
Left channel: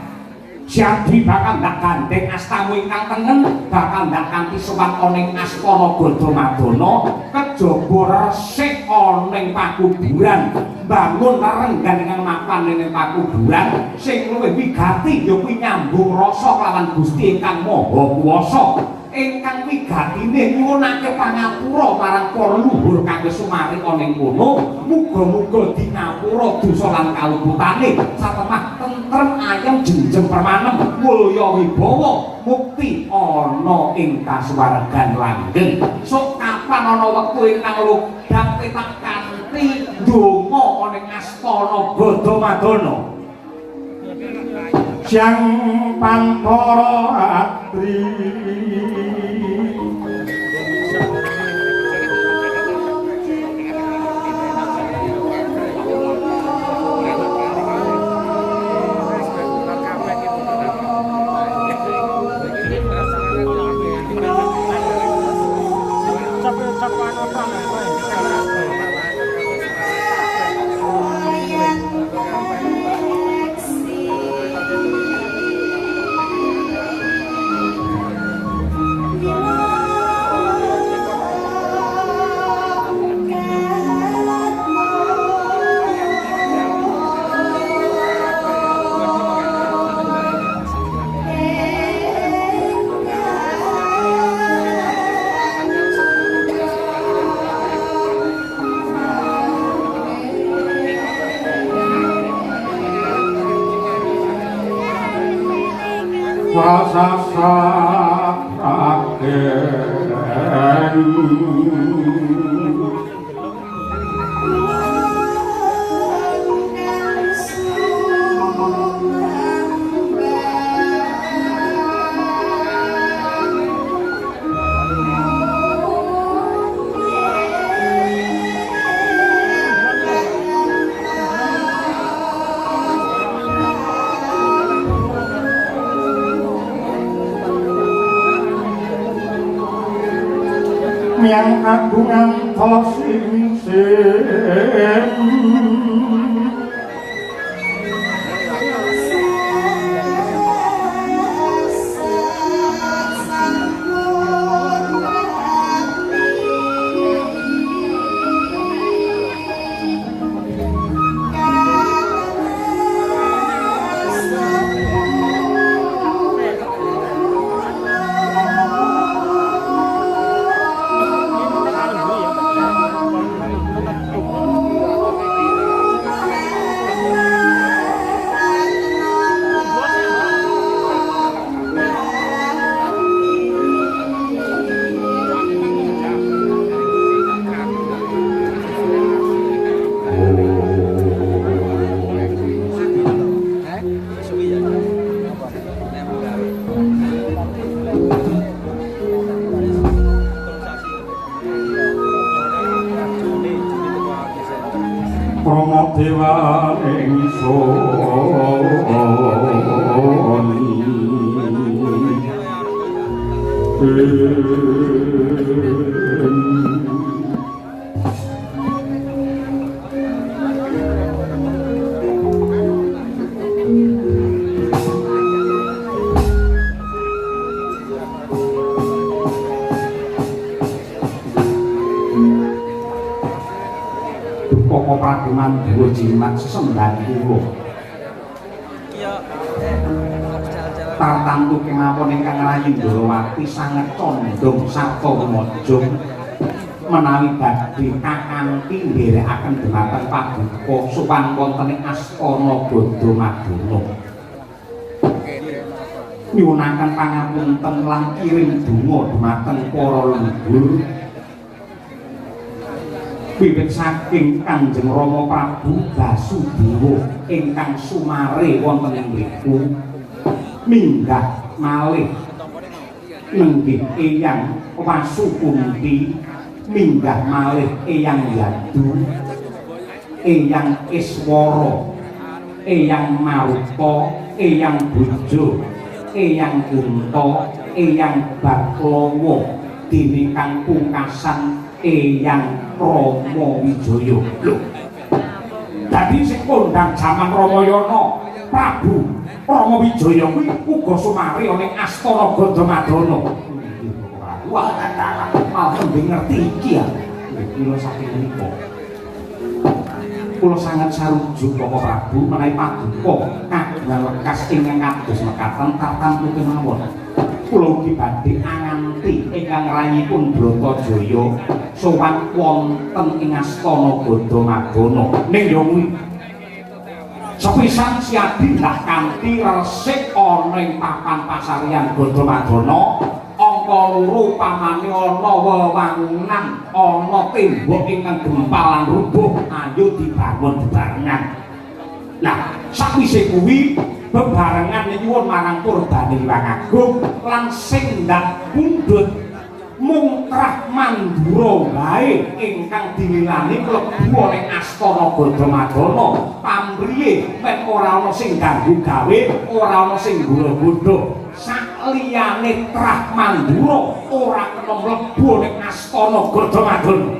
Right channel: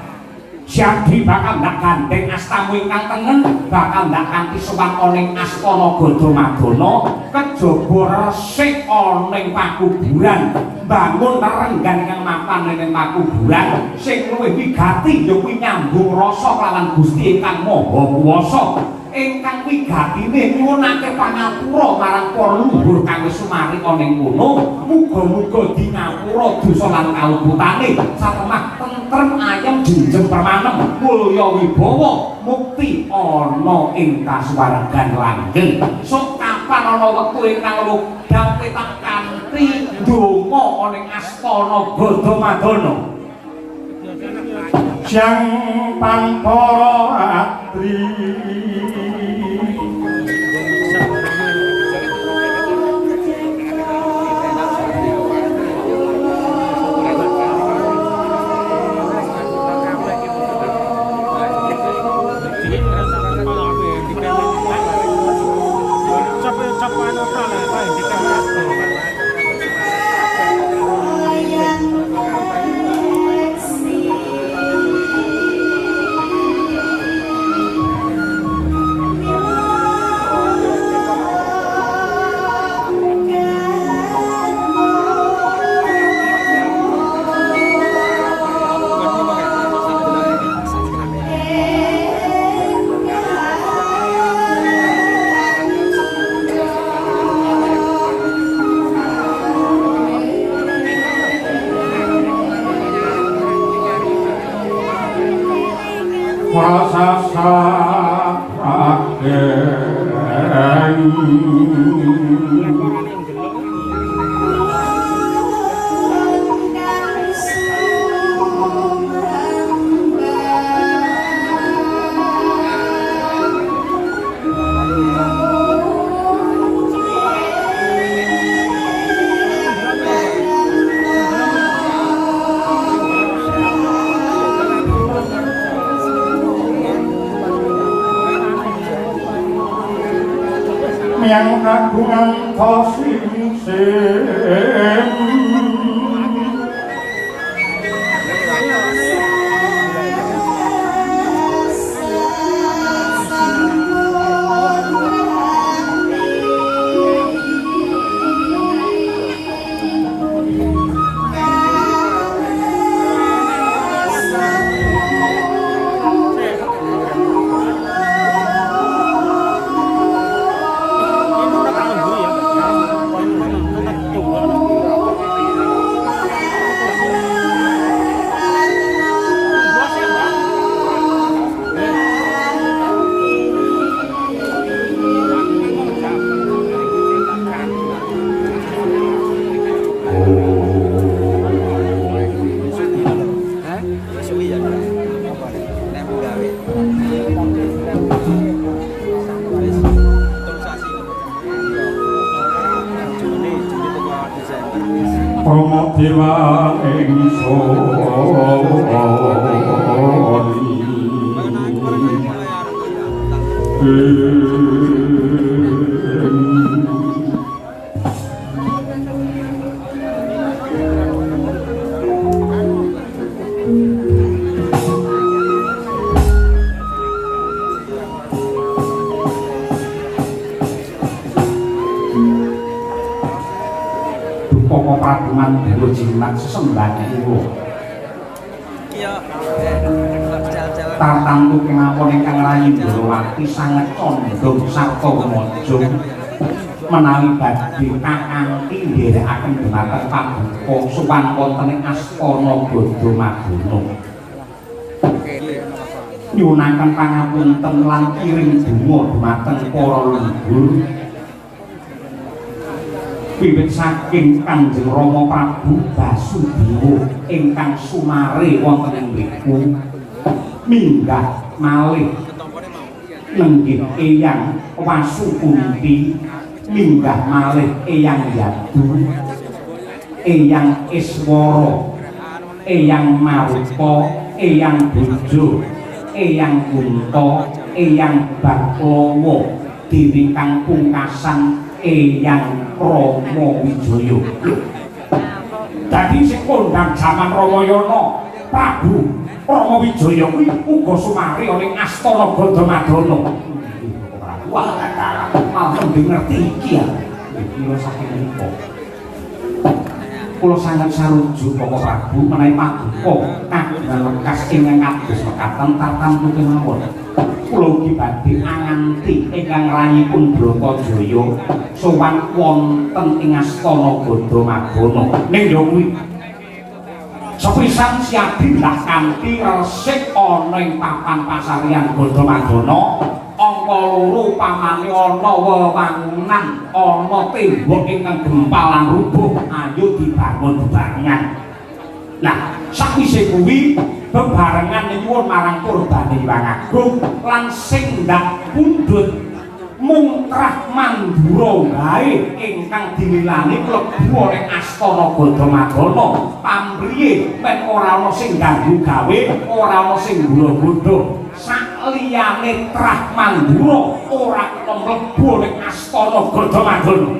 Siadi bakal ndak gandeng astamu ingkang tengen, bakal ndak kanthi sowan ning astana Gadamadana, kejaba resik ning pakuburan, bangun renggan ing mapan ning pakuburan, sing luwih wigati ya kuwi nyambung rasa kalawan Gusti ingkang Maha Kuwasa. Ingkang wigatine nyuwunake pangapura marang para luhur kang wis sumarik ning kono, muga-muga dingapura dosa lan kaluputane, satemah tentrem ayem jenjeng permanen mulya wibawa mukti ana ing kasuwargan langgeng. Sok kapan ana wektu ingkang ludah tak kanthi ndonga ning astana Gadamadana. Jang Pampara Atri yang kagungan tosing Dewa kagungan dulu jinak sesembah ibu tartamtu kemawon ingkang rayi Ndorowati sanget condong sarta mojo menawi badhe kakanthi nderekaken dhumateng pabuka sowan wonten ing astana Bodho Madana nyunaken pangapunten lan kirim donga dhumateng para leluhur wiwit saking Kanjeng Rama Prabu Basudewa ingkang sumare wonten ing mriku minggah malih nenggih Eyang Wasukunti minggah malih Eyang Yadu Eyang Iswara Eyang Maruta Eyang Bojo Eyang Kunto Eyang Baklawa dene kang pungkasan Eyang Rama Wijaya. Lho. Dadi sing kondhang jaman Ramayana Prabu Rama Wijaya kuwi uga sumare ana ing astana Gandhamadana. Wah, malah ngerti iki ya. Kula saking mriku. Kula sanget sarujuk Bapak Prabu menawi paduka kagungan lekas ingkang kados mekaten tartamtu kemawon. Kula ugi badhe anganti ingkang rayipun Bratajaya sowan wonten ing astana Gandhamadana. Ning yo kuwi sepisan siadi lah kanthi resik ana ing papan pasaryan Gandhamadana angka loro pamane ana wewangunan ana tembok ingkang gempalan rubuh ayo dibangun bebarengan. Nah, sakwise kuwi bebarengan nyuwun marang Purbane Hyang Agung lan sing ndak pundhut mungkrah mandura wae ingkang dinilani klebu ing astana Gandhamadana pamriye mek ora ana sing ganggu gawe ora ana sing nggodha sakliyane trah mandura ora kena mlebu ing astana Gandhamadana.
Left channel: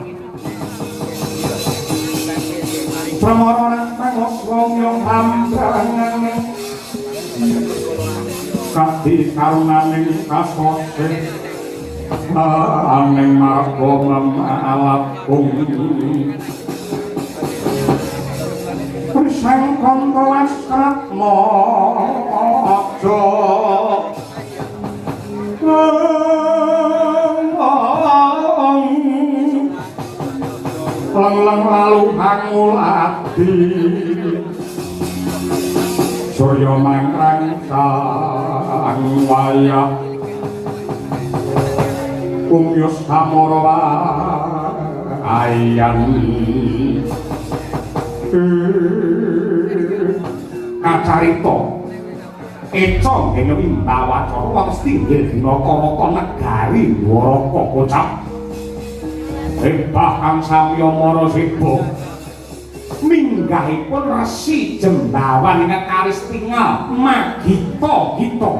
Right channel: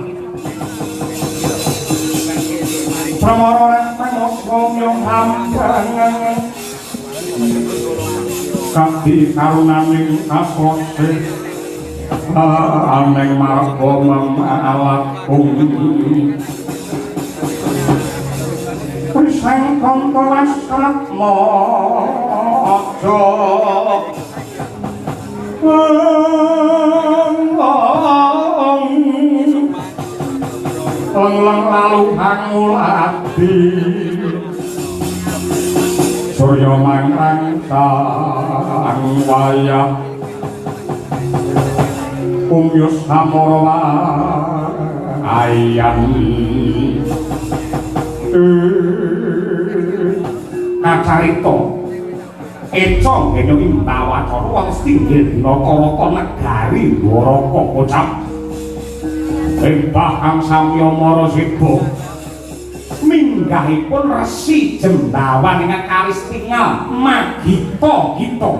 Pramara Ramos wong yang hambangan kabeh karunaning kasose aneng marga mamalatku Krisang kanggo asratma aja lang lalu hangul ati Surya mangrang sang wayah Umyus samara ayam kacarita eca dene Windawacana wong setinggil dina kawata negari Dwaraka kocap Embah kang samya maraseba minggahipun Resi Jembawan ingkang kawis tinggal Magita-gita.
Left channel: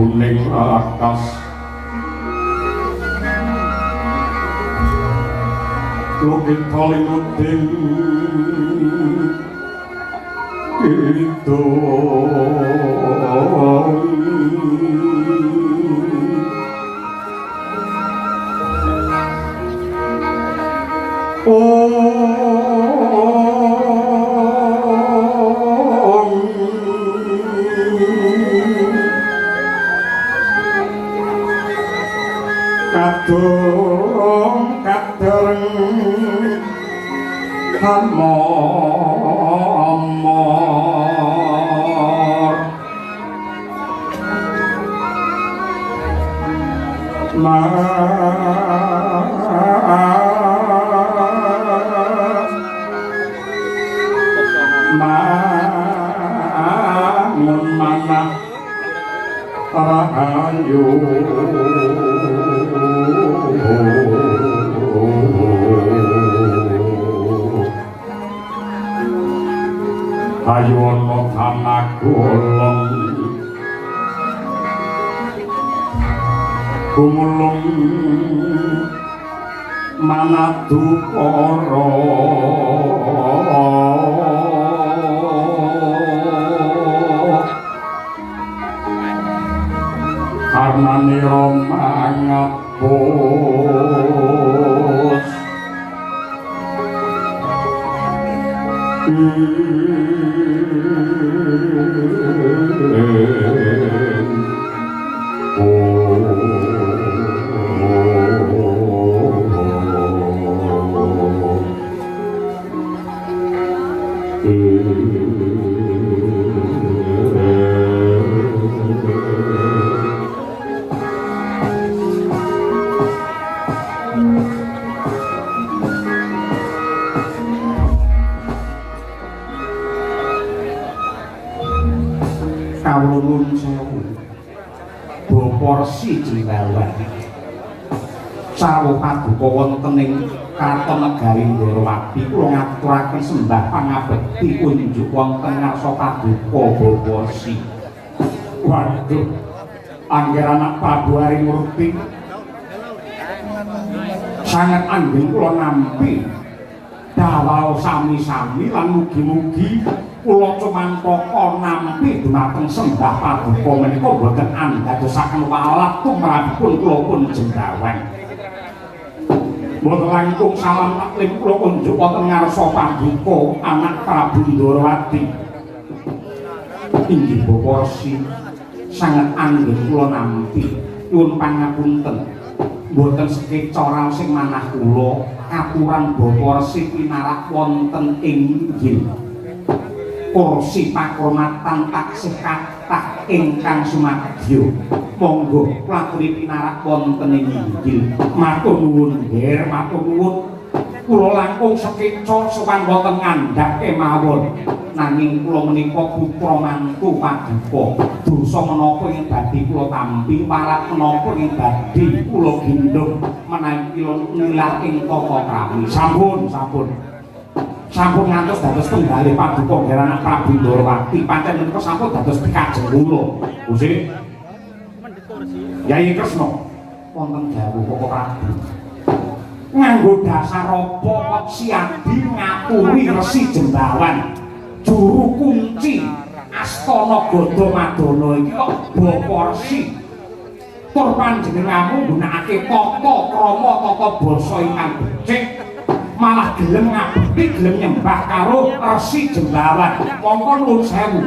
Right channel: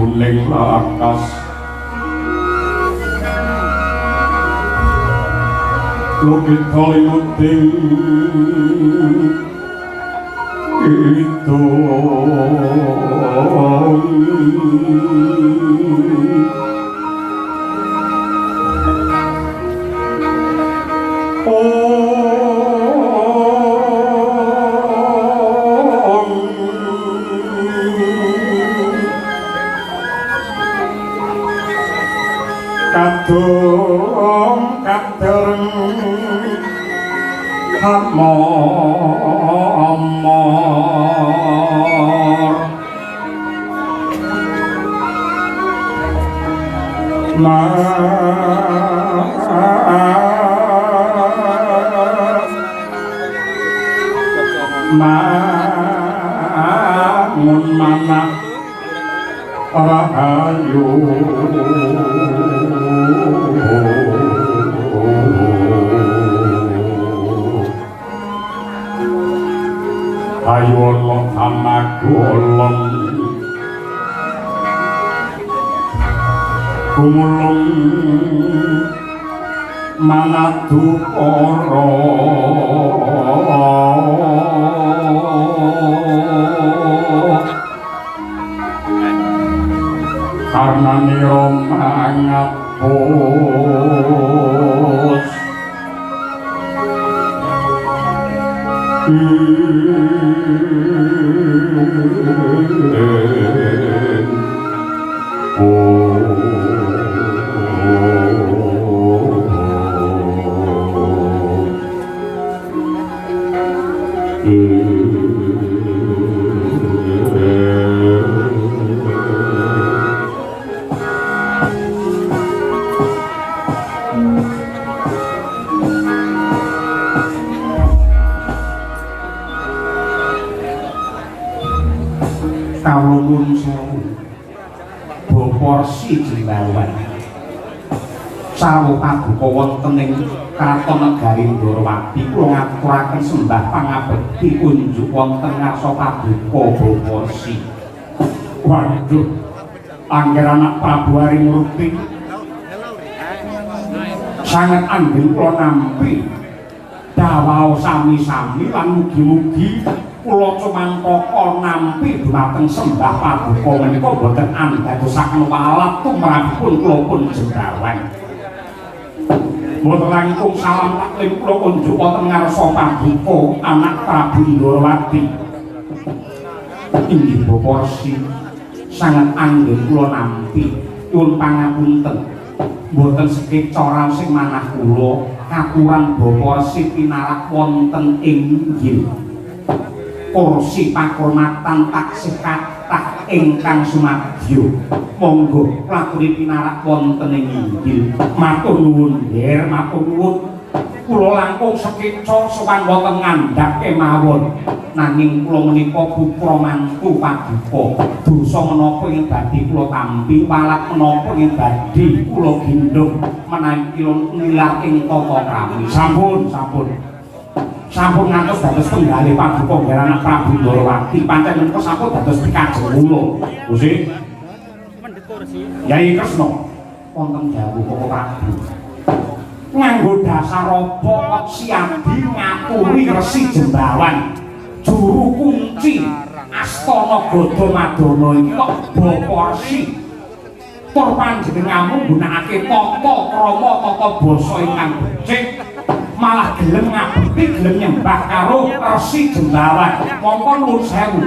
prabuning lakas Lukit Hollywooding itu kadung kadung hamor mangun manah rahayu ayo Allah hamaku Allah kumulung manatu para karena niro mangapus kawulun sewu Baporsi Jembawan sawo kabuka wonten ing Kartanegari Ndorowati kula ngaturaken sembah pangabekti unjuk wonten ngarsa kabuka Baporsi. Waduh angger anak Prabu Harimurti sangat anggen kula nampi dawuh sami-sami lan mugi-mugi kula cumantaka nampi dhumateng sembah paduka menika boten andadosaken walat tumrapipun kula pun Jembawan. Mboten langkung salam taklim kula unjuk wonten ngarsa paduka anak Prabu Ndorowati. Inggih Baporsi sangat anggen kula nampi nyuwun pangapunten. Mboten sekeca raos sing manah kula katuran Baporsi pinarak wonten ing inggil kursi pakurmatan taksih kathah ingkang sumadyo monggo lakune pinarak wonten ing inggil matur nuwun nggih matur nuwun kula langkung sekeca sowan wonten ngandhap kemawon nanging kula menika putra mantu paduka dosa menapa ing badhe kula tampi walat menapa ing badhe kula gendhong menawi kula nilar ing tata kami sampun ngantos dados tunggalé paduka Garana Prabu Ndorowati pancen menika sampun dados pikajeng kula Gusti Yai Kresna wonten dawuh Koko Prabu nganggo dasar apa siadi ngaturi Resi Jembawan juru kunci Astana Gadamadana iki kok Baporsi tur panjenenganmu nggunakake tata krama tata basa ingkang becik malah gelem ngabekti gelem nyembah karo Resi Jembawan mongko nuwun sewu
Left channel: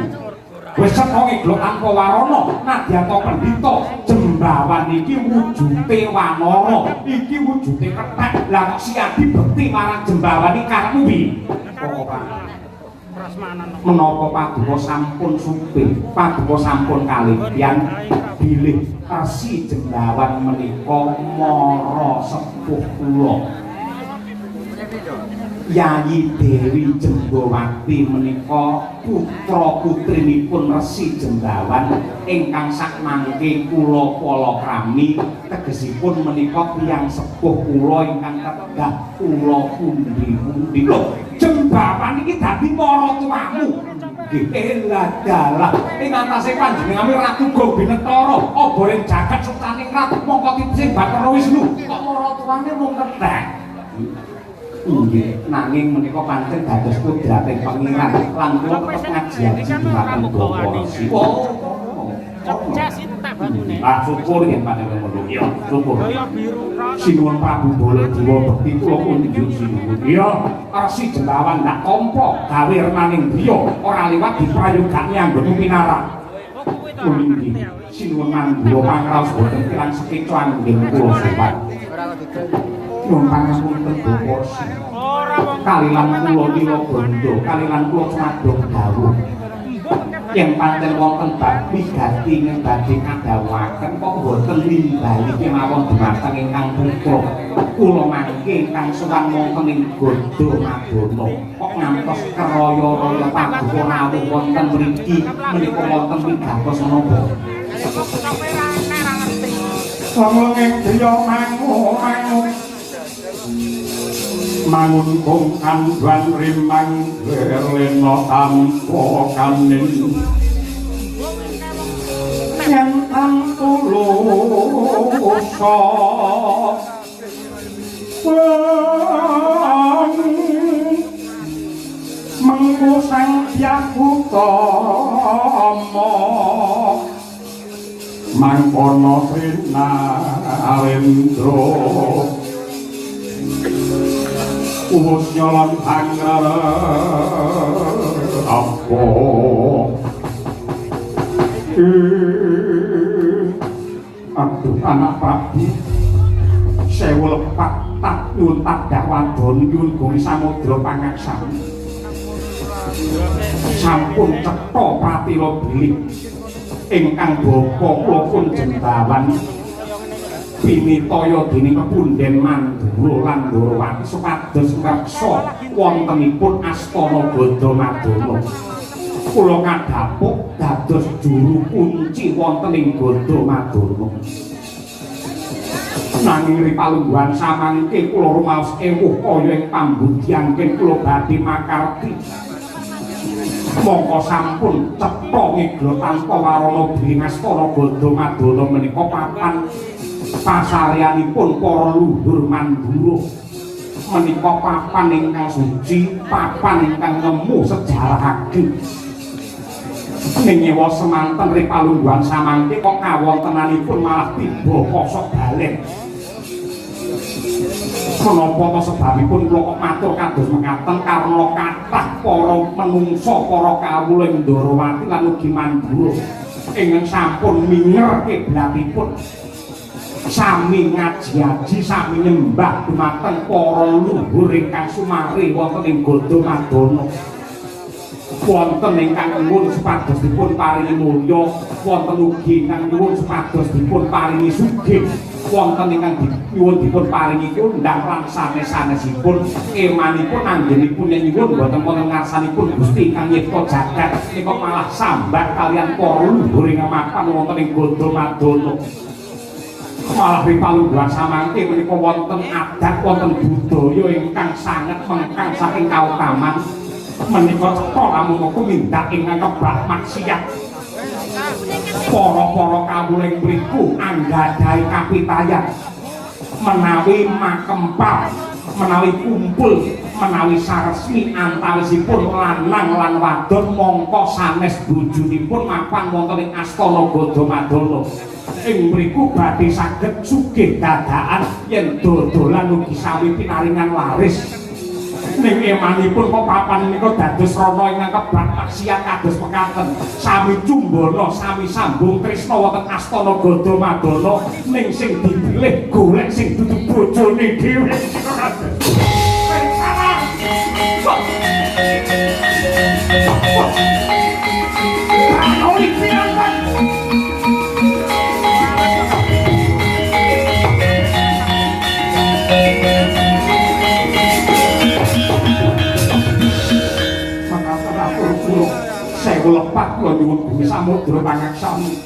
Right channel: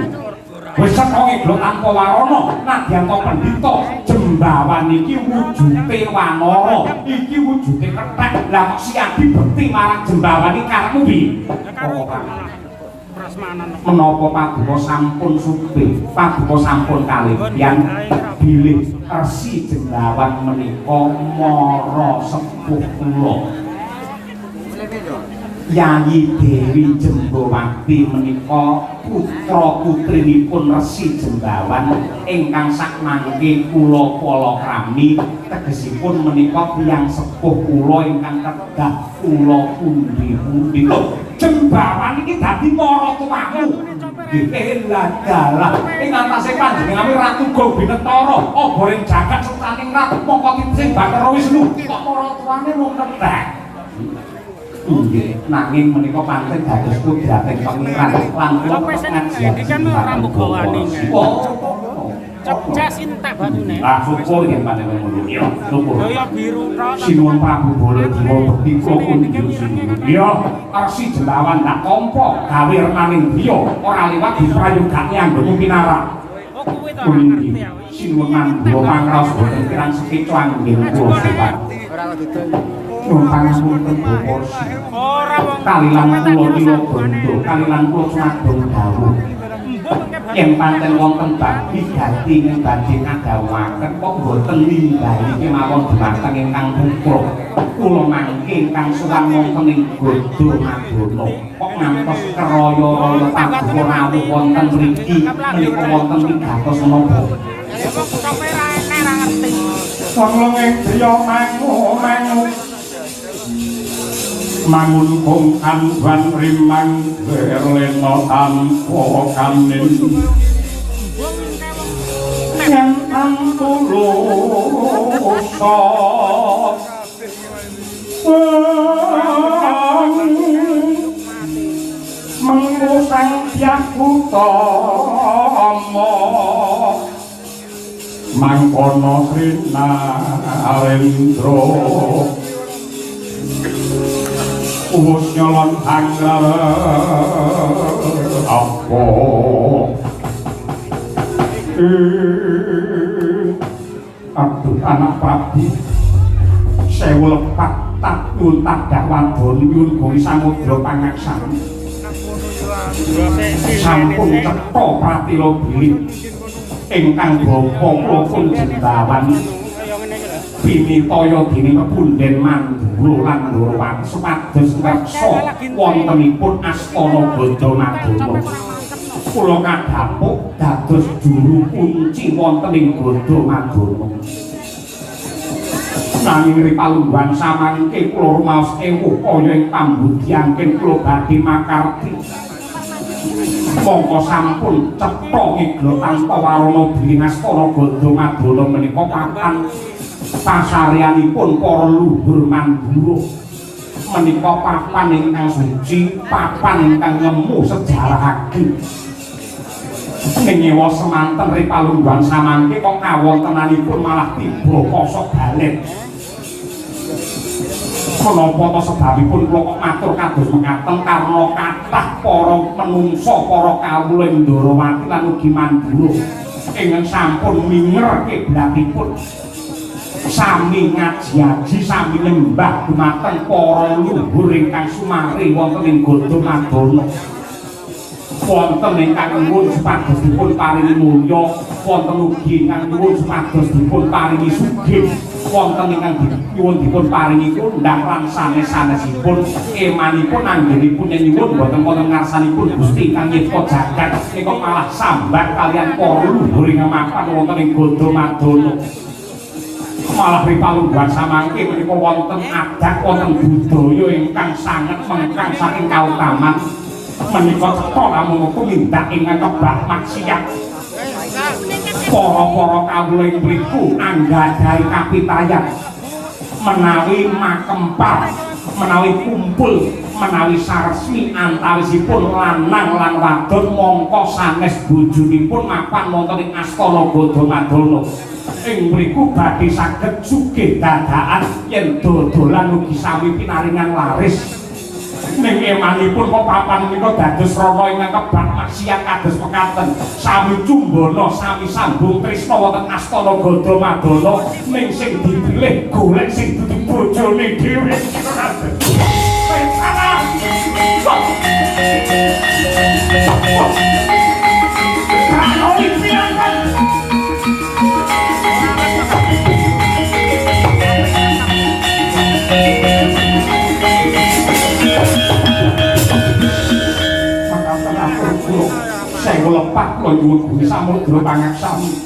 wis setonge glok tanpa warana nadyanto pendhita Jembawan iki wujute wanara iki wujute kethek lah siadi bekti marang Jembawan iki karepmu piye menapa paduka sampun supih paduka sampun kaliyan bilih Resi Jembawan menika mara sepuh kula Yayi Dewi Jembawati menika putra putrinipun Resi Jembawan ingkang sakmangke kula palakrami tegesipun menika tiyang sepuh kula ingkang tegak kula pundi-pundi Jembawan iki dadi mara tumamu nggih dalah ing antase panjenengan Ratu Gobinetara oboring jagat Sultaning Ratu mongko titih Bathara Wisnu kok ora turane mung kethek. Nggih, nanging menika pancen dados kudrating pangeran lan kula ngajian iki kan ora mbogawane. Cepjas entek banune. Lah syukur yen panjenengan ngono ya. Syukur. Kaya biru ta. Sinuwun Prabu Baladewa bekti kula kunjung sinuwun. Ya, Resi Jelawan ndak tampa gawe renaning griya ora liwat diprayogake anggone pinarak. Oh kuwi to. Sinuwun nganggo pangros boten kirang sekecuan nggih kula sehat. Ora didol. Nyuwun pangapunten Bapak. Ora wong kalilan kula nila bondo, kalilan kula sadong dawuh. Yen pancen wonten bakti gati badhe ngadawaken kok boten nimbali kemawon dhumateng ingkang putra. Kula mangke ingkang sowan wonten ing Godo Madana. Kok ngantos keraya-raya paduka rawuh wonten mriki menika wonten wigatos menapa. Kok kowe ra enek ra ngerti. Wong driya mangu mangun kongkan wan rimang berleno tanpa kanin yang angkuloso mengusang biaku tomo mangkono trina arendro Umus nyolong hanggar apa Aduh anak Prabu sewu lepat tak nyun tak dakwan nyun bumi samudra pangaksani sampun cetha pratila biling ingkang bapa kula pun jendawan Pinitaya dening Punden Mandura lan Ndorowati supados ngreksa wontenipun Astana Gadamadana. Kula kadhapuk dados juru kunci wonten ing Gadamadana. Nanging ripalungguhan samangke kula rumaos ewuh kaya ing pambudhiyangken kula badhe makarti. Mongko sampun cetha ngegla tanpa warana dening Astana Gadamadana menika papan pasaryanipun para luhur Mandura menika papan ingkang suci, papan ingkang nemu sejarah ageng. Nyewa semanten ripalungguhan samangke kok kawontenanipun malah tiba kosok balen. Menapa sebabipun kula kok matur kados mekaten karena kathah para menungsa para kawula Ndorowati lan ugi Mandura ingkang sampun mingerke blatipun sami ngaji-aji sami nyembah dumateng para luhur ingkang sumari wonten ing Gadamadana. Wonten ingkang nuwun supados dipun paringi mulya, wonten ugi ingkang nuwun supados dipun paringi sugih, wonten ingkang nyuwun dipun paringi kondhang lan sanes-sanesipun emanipun anggenipun nyuwun boten wonten ngarsanipun Gusti ingkang nyipta jagat nika malah sambat kaliyan para luhur ingkang mapan wonten ing Gadamadana. Malah ripalungguhan samangke menika wonten adat wonten budaya ingkang sanget mengkang saking kautaman menika cetha lamun kumindak ingkang kebak maksiat para-para kawula ing mriku anggadhahi kapitayan menawi makempal menawi kumpul menawi saresmi antawisipun lanang lan wadon mongko sanes bojonipun mapan wonten ing Astana Gadamadana. Ing mriku badhe saged sugih dadakan yen dodolan ugi sami pinaringan laris. Ning emanipun kok papan menika dados rama ingkang kebak maksiat kados mekaten. Sami cumbana, sami sambung tresna wonten Astana Gadamadana ning sing dipilih golek sing dudu bojone dhewe. Lepat kula nyuwun Bumi Samudra pangaksami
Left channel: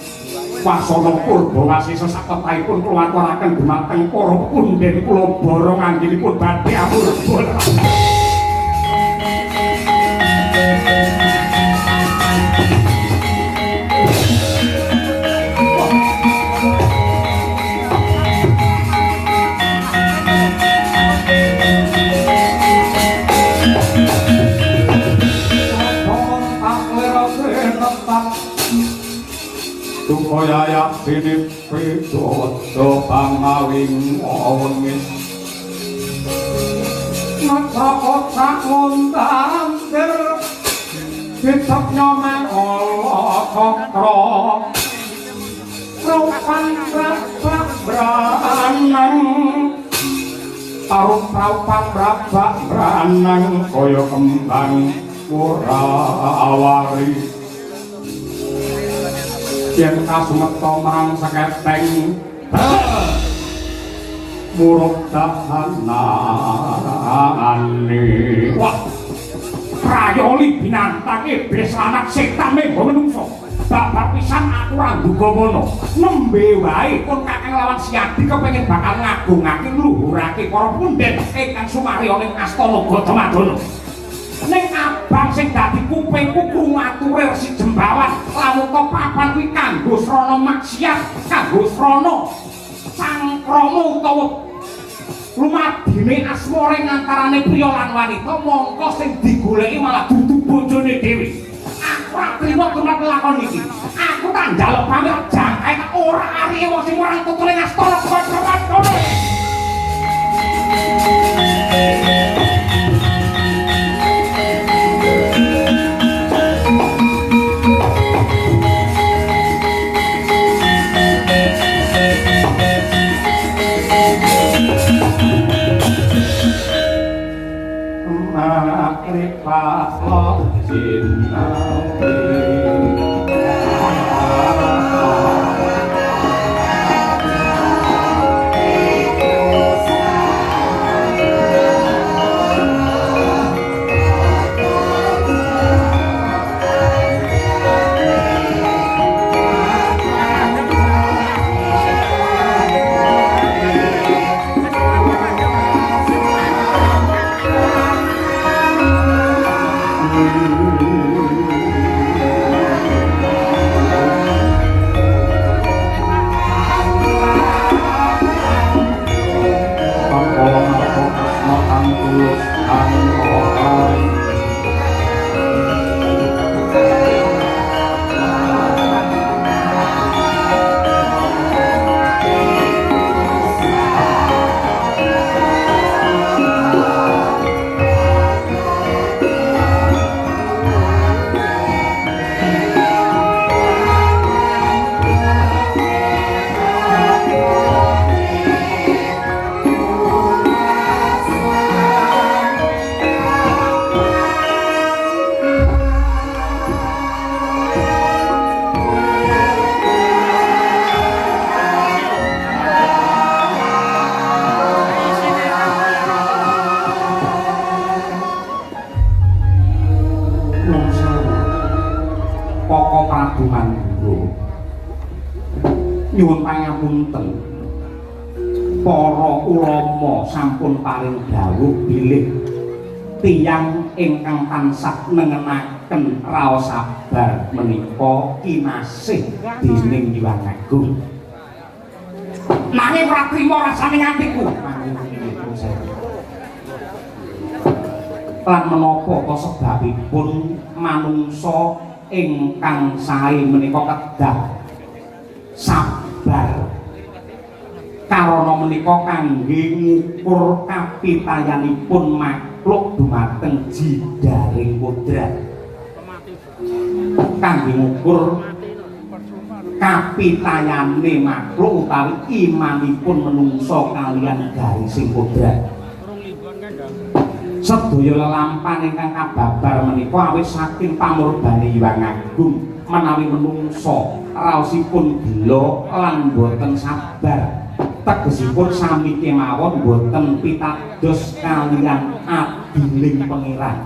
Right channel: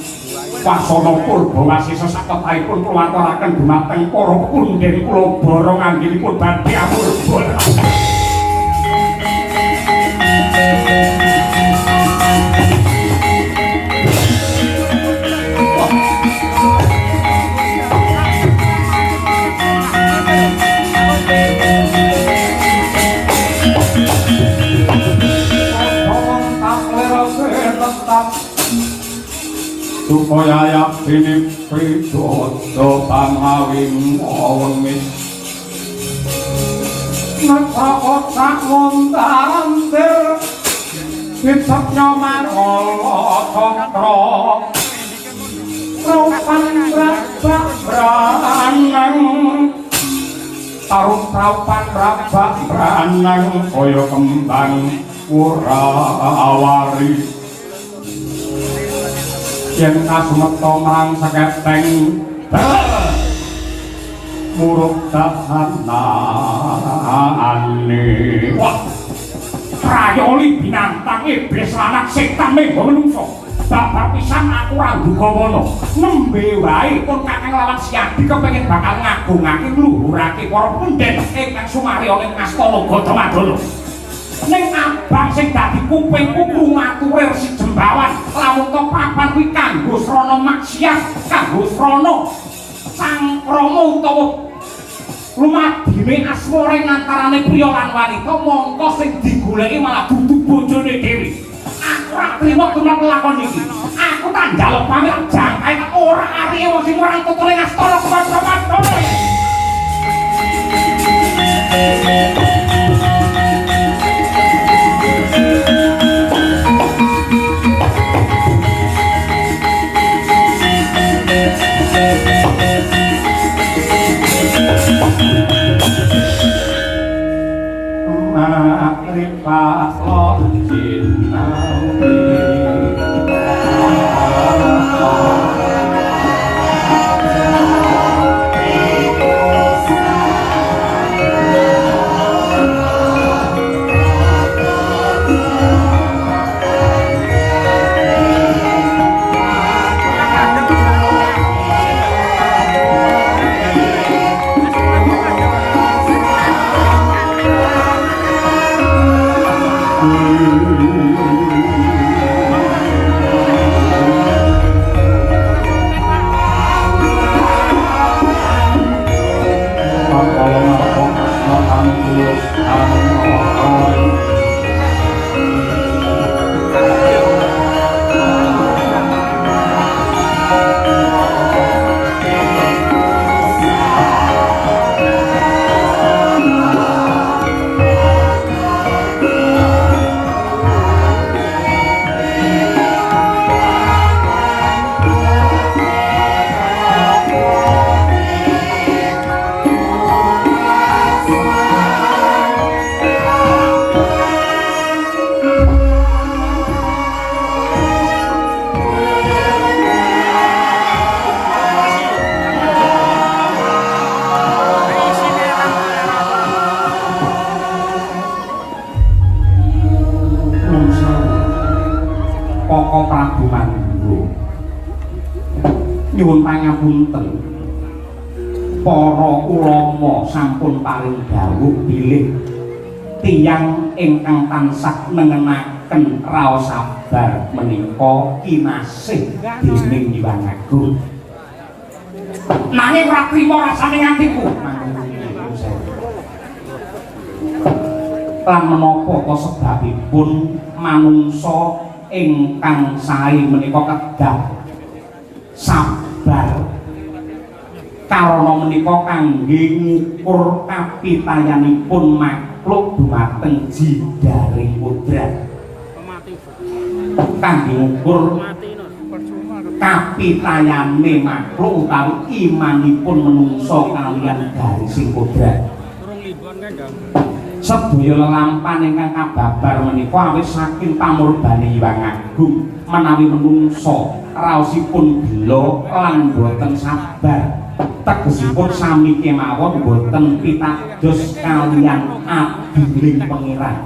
wasana purba wasisa saketahipun kula aturaken dhumateng para punden kula bara anggenipun badhe atur. sinipi dodo pangawing wengis Nekra-kocak wong tandir Bidaknya mangolo cokro Raupan rabak beranang Raupan rabak beranang Koyo kembang Wurawari Yen kasmeta marang seketeng Muruk dahanane wah prayoli binatang iblis lanang setan menggo menungso babar pisan aku ora duga ngono nembe wae pun kakang lawan Siadi kepengin bakal ngagungake ngluhurake para pendhet ingkang sumarya ning astana Gadamadana ning abang sing dadi kupingku krungature Resi Jembawan lamun to papan kuwi kanggo srana maksiat kanggo srana sangkrama utawa lumadine asmara antarane priya lan wanita mongko sing digoleki malah dudu bojone dhewe aku ora trima kuwi lakon iki aku tak njaluk pamit jangkae ora ariye wong sing merang tutule astana Gadamadana nyuwun pangapunten para ulama sampun paring dawuh bilih tiyang ingkang tansah nengenaken raos sabar menika kinasih dening Hyang Agung nanging ora trima rasane ngantiku lan menapa sebabipun manungsa ingkang sae menika kedah sabar karana menika kangge ngukur kapitayanipun makhluk dhumateng jidaring kodrat kangge ngukur kapitayane makhluk utawi imanipun menungsa kaliyan garising kodrat sedaya lelampahan ingkang kababar menika awit saking pamurbane Hyang Agung menawi menungsa raosipun gelo lan boten sabar tegesipun sami kemawon boten pitados kaliyan adiling pangeran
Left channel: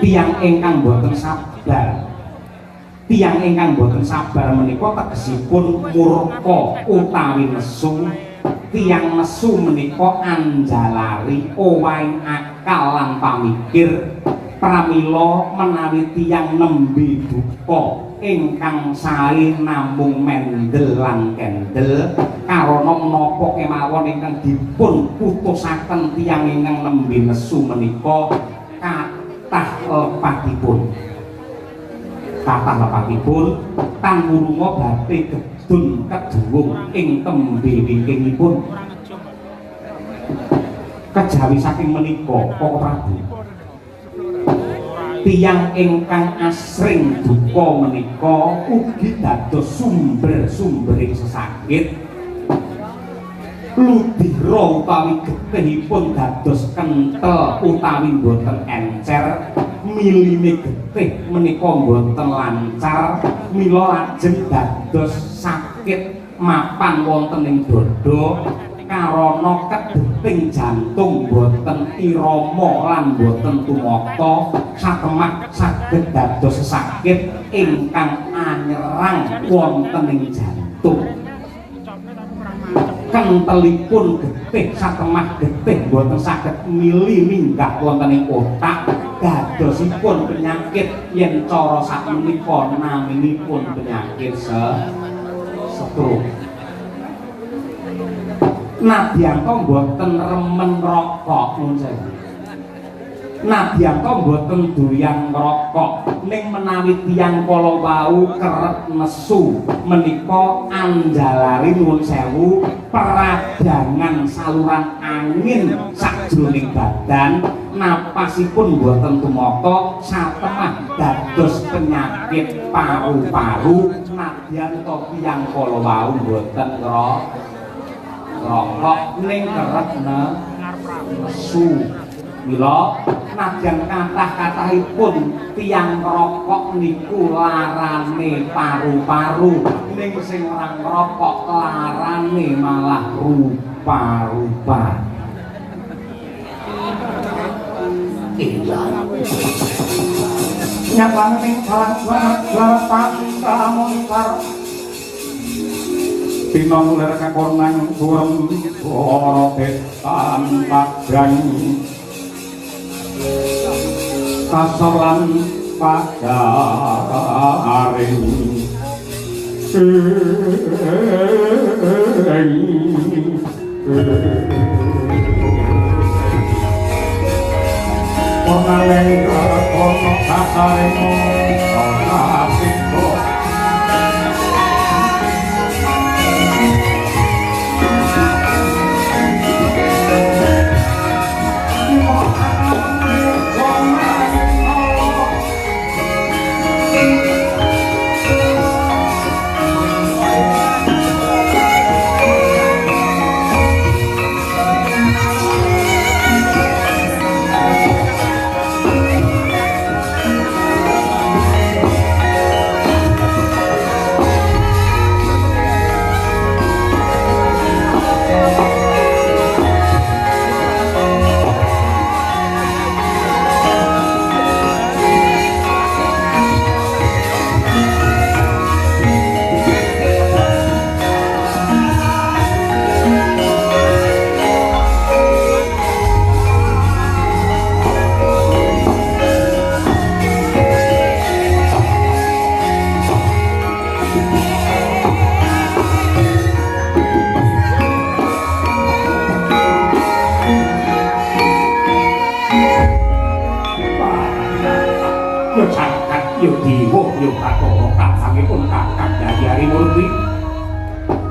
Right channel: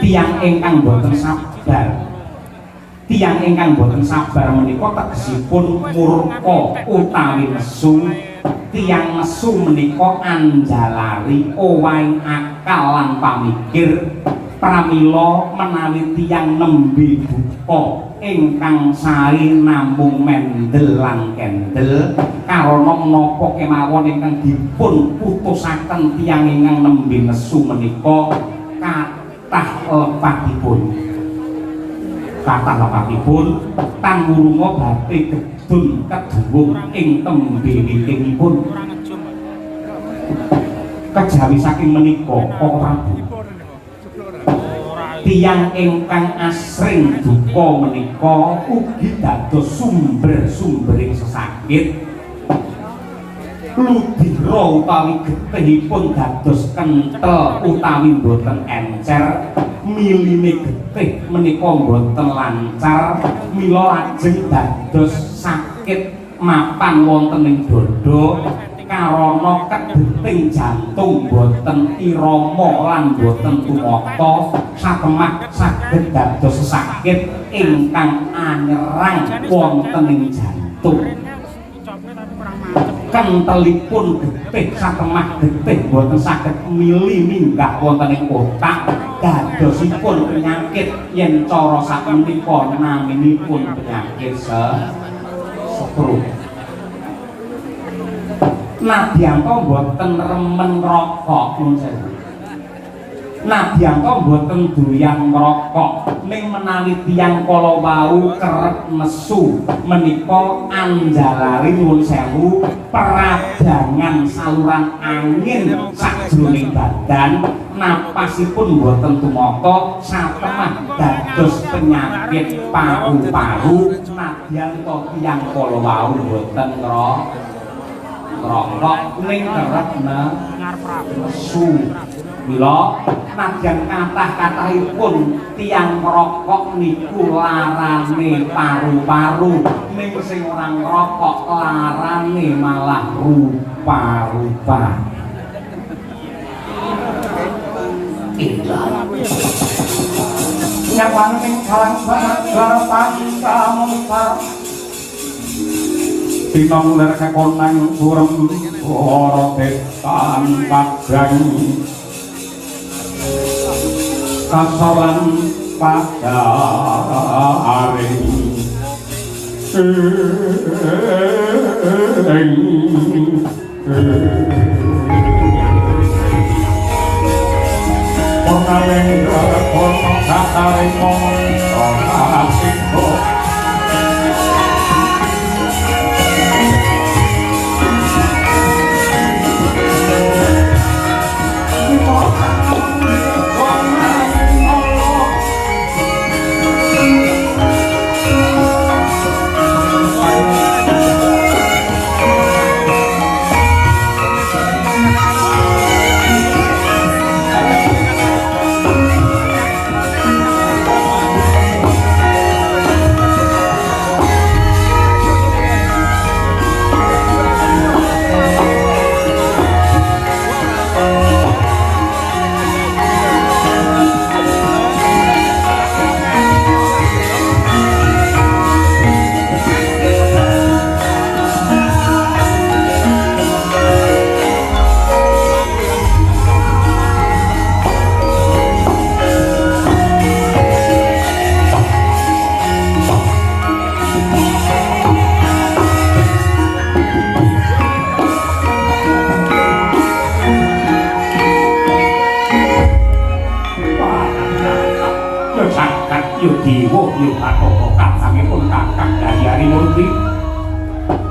tiyang ingkang boten sabar menika tegesipun murka utawi nesu tiyang nesu menika anjalari owahing akal lan pamikir pramila menawi tiyang nembe duka ingkang sae namung mendel lan kendel karana menapa kemawon ingkang dipun putusaken tiyang ingkang nembe nesu menika kathah lepatipun kathah wakatipun tanggurunga badhe gedun keduwung ing tembe wingkingipun kejawi saking menika Para Prabu tiyang ingkang asring duka menika ugi dados sumber-sumbering sesakit ludira utawi getihipun dados kenthel utawi boten encer miline getih menika boten lancar mila lajeng dados sakit mapan wonten ing dada karana kedeting jantung boten irama lan boten tumata satemah saged dados sakit ingkang anyerang wonten ing jantung kentelipun getih satemah getih boten saged mili minggah wonten ing otak dadosipun penyakit yen cara sakmenika naminipun penyakit stroke. Nadyanto mboten remen rokok nun sewu. Nadyanto mboten doyan ngrokok ning menawi tiyang kala wau kerep nesu menika anjalari nun sewu peradangan saluran angin sajroning badan napasipun mboten tumata satemah dados penyakit paru-paru nadyanto tiyang kala wau mboten rokok ning kerep nesu mila nadyan kathah-kathahipun tiyang rokok niku larane paru-paru ning sing ora ngrokok larane malah rupa-rupa. Nyawang ning dalam bapak kamu Pinong nerkakonang surem suara depan padang kasaran pada hari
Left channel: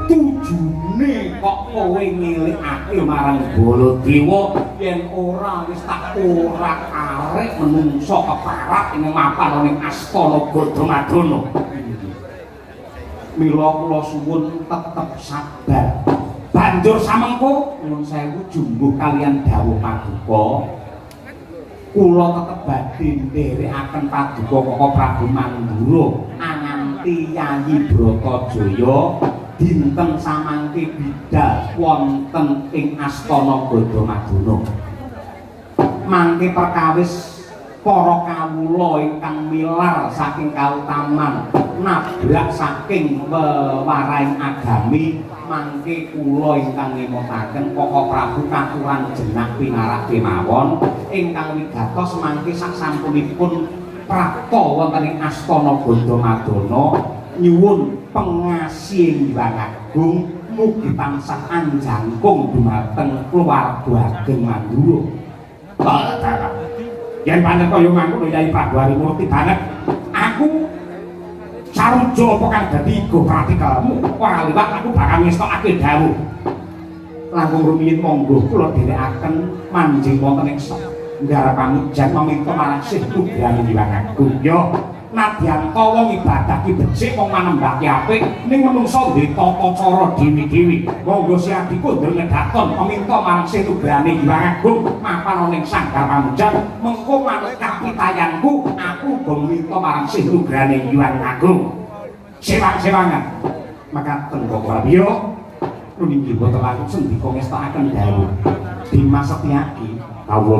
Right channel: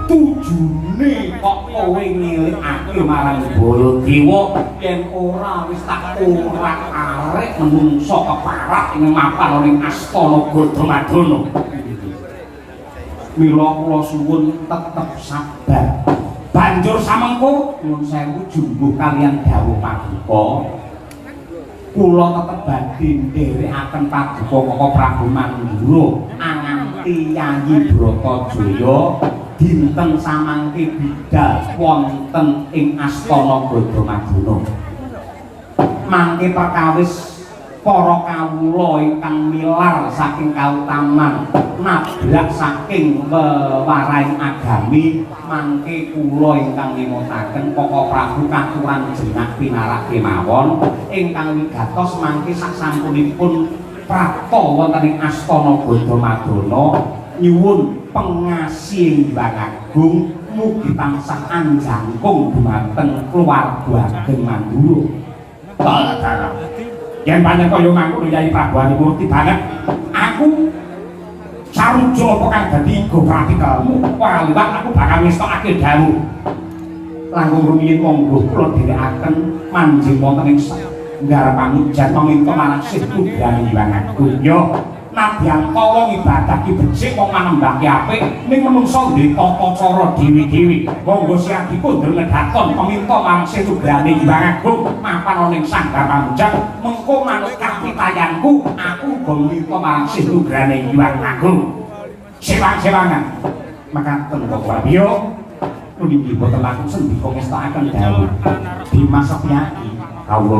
tujune kok kowe ngilikake marang Baladewa yen ora wis tak orak-arek menungso keparat ing ngapal ning astana Gadamadana. Mila kula suwun tetep sabar. Banjur samengko nyuwun sewu jumbuh kaliyan dawuh paduka. Kula tetep badhe nderekaken paduka Koko Prabu Mandura anganti Yayi Bratajaya dinten samangke bidhal wonten ing astana Gadamadana. Mangke perkawis para kawula ingkang milar saking kautaman nabrak saking wewaraing agami mangke kula ingkang ngemutaken Koko Prabu katuran jenah pinarak kemawon ingkang wigatos mangke sasampunipun prapta wonten ing astana Gadamadana nyuwun pengasih Hyang Agung mugi tansah anjangkung dhumateng keluarga ageng Mandura. Yen pancen kaya mangkono Yayi Prabu Harimurti banget aku sarujo apa kang dadi go pratikalmu ora liwat aku bakal ngestokake dawuh langkung rumiyin monggo kula dherekaken manjing wonten ing ngarapan jan menika manasih tujuan Hyang Agung yo nadyan kala ibadah ki becik wong manembake apik ning menungso duwe tata cara dewi-dewi monggo siang dikundur ledakon peminta mangse tujuane Hyang Agung mapan ning sanggar pamunjang mengko manut kapitayanku aku uga minta mangse tujuane Hyang Agung sewang-sewangan makaten kok yo niki boten langsung dikongestaken dawuh Dimas Setyaki kawula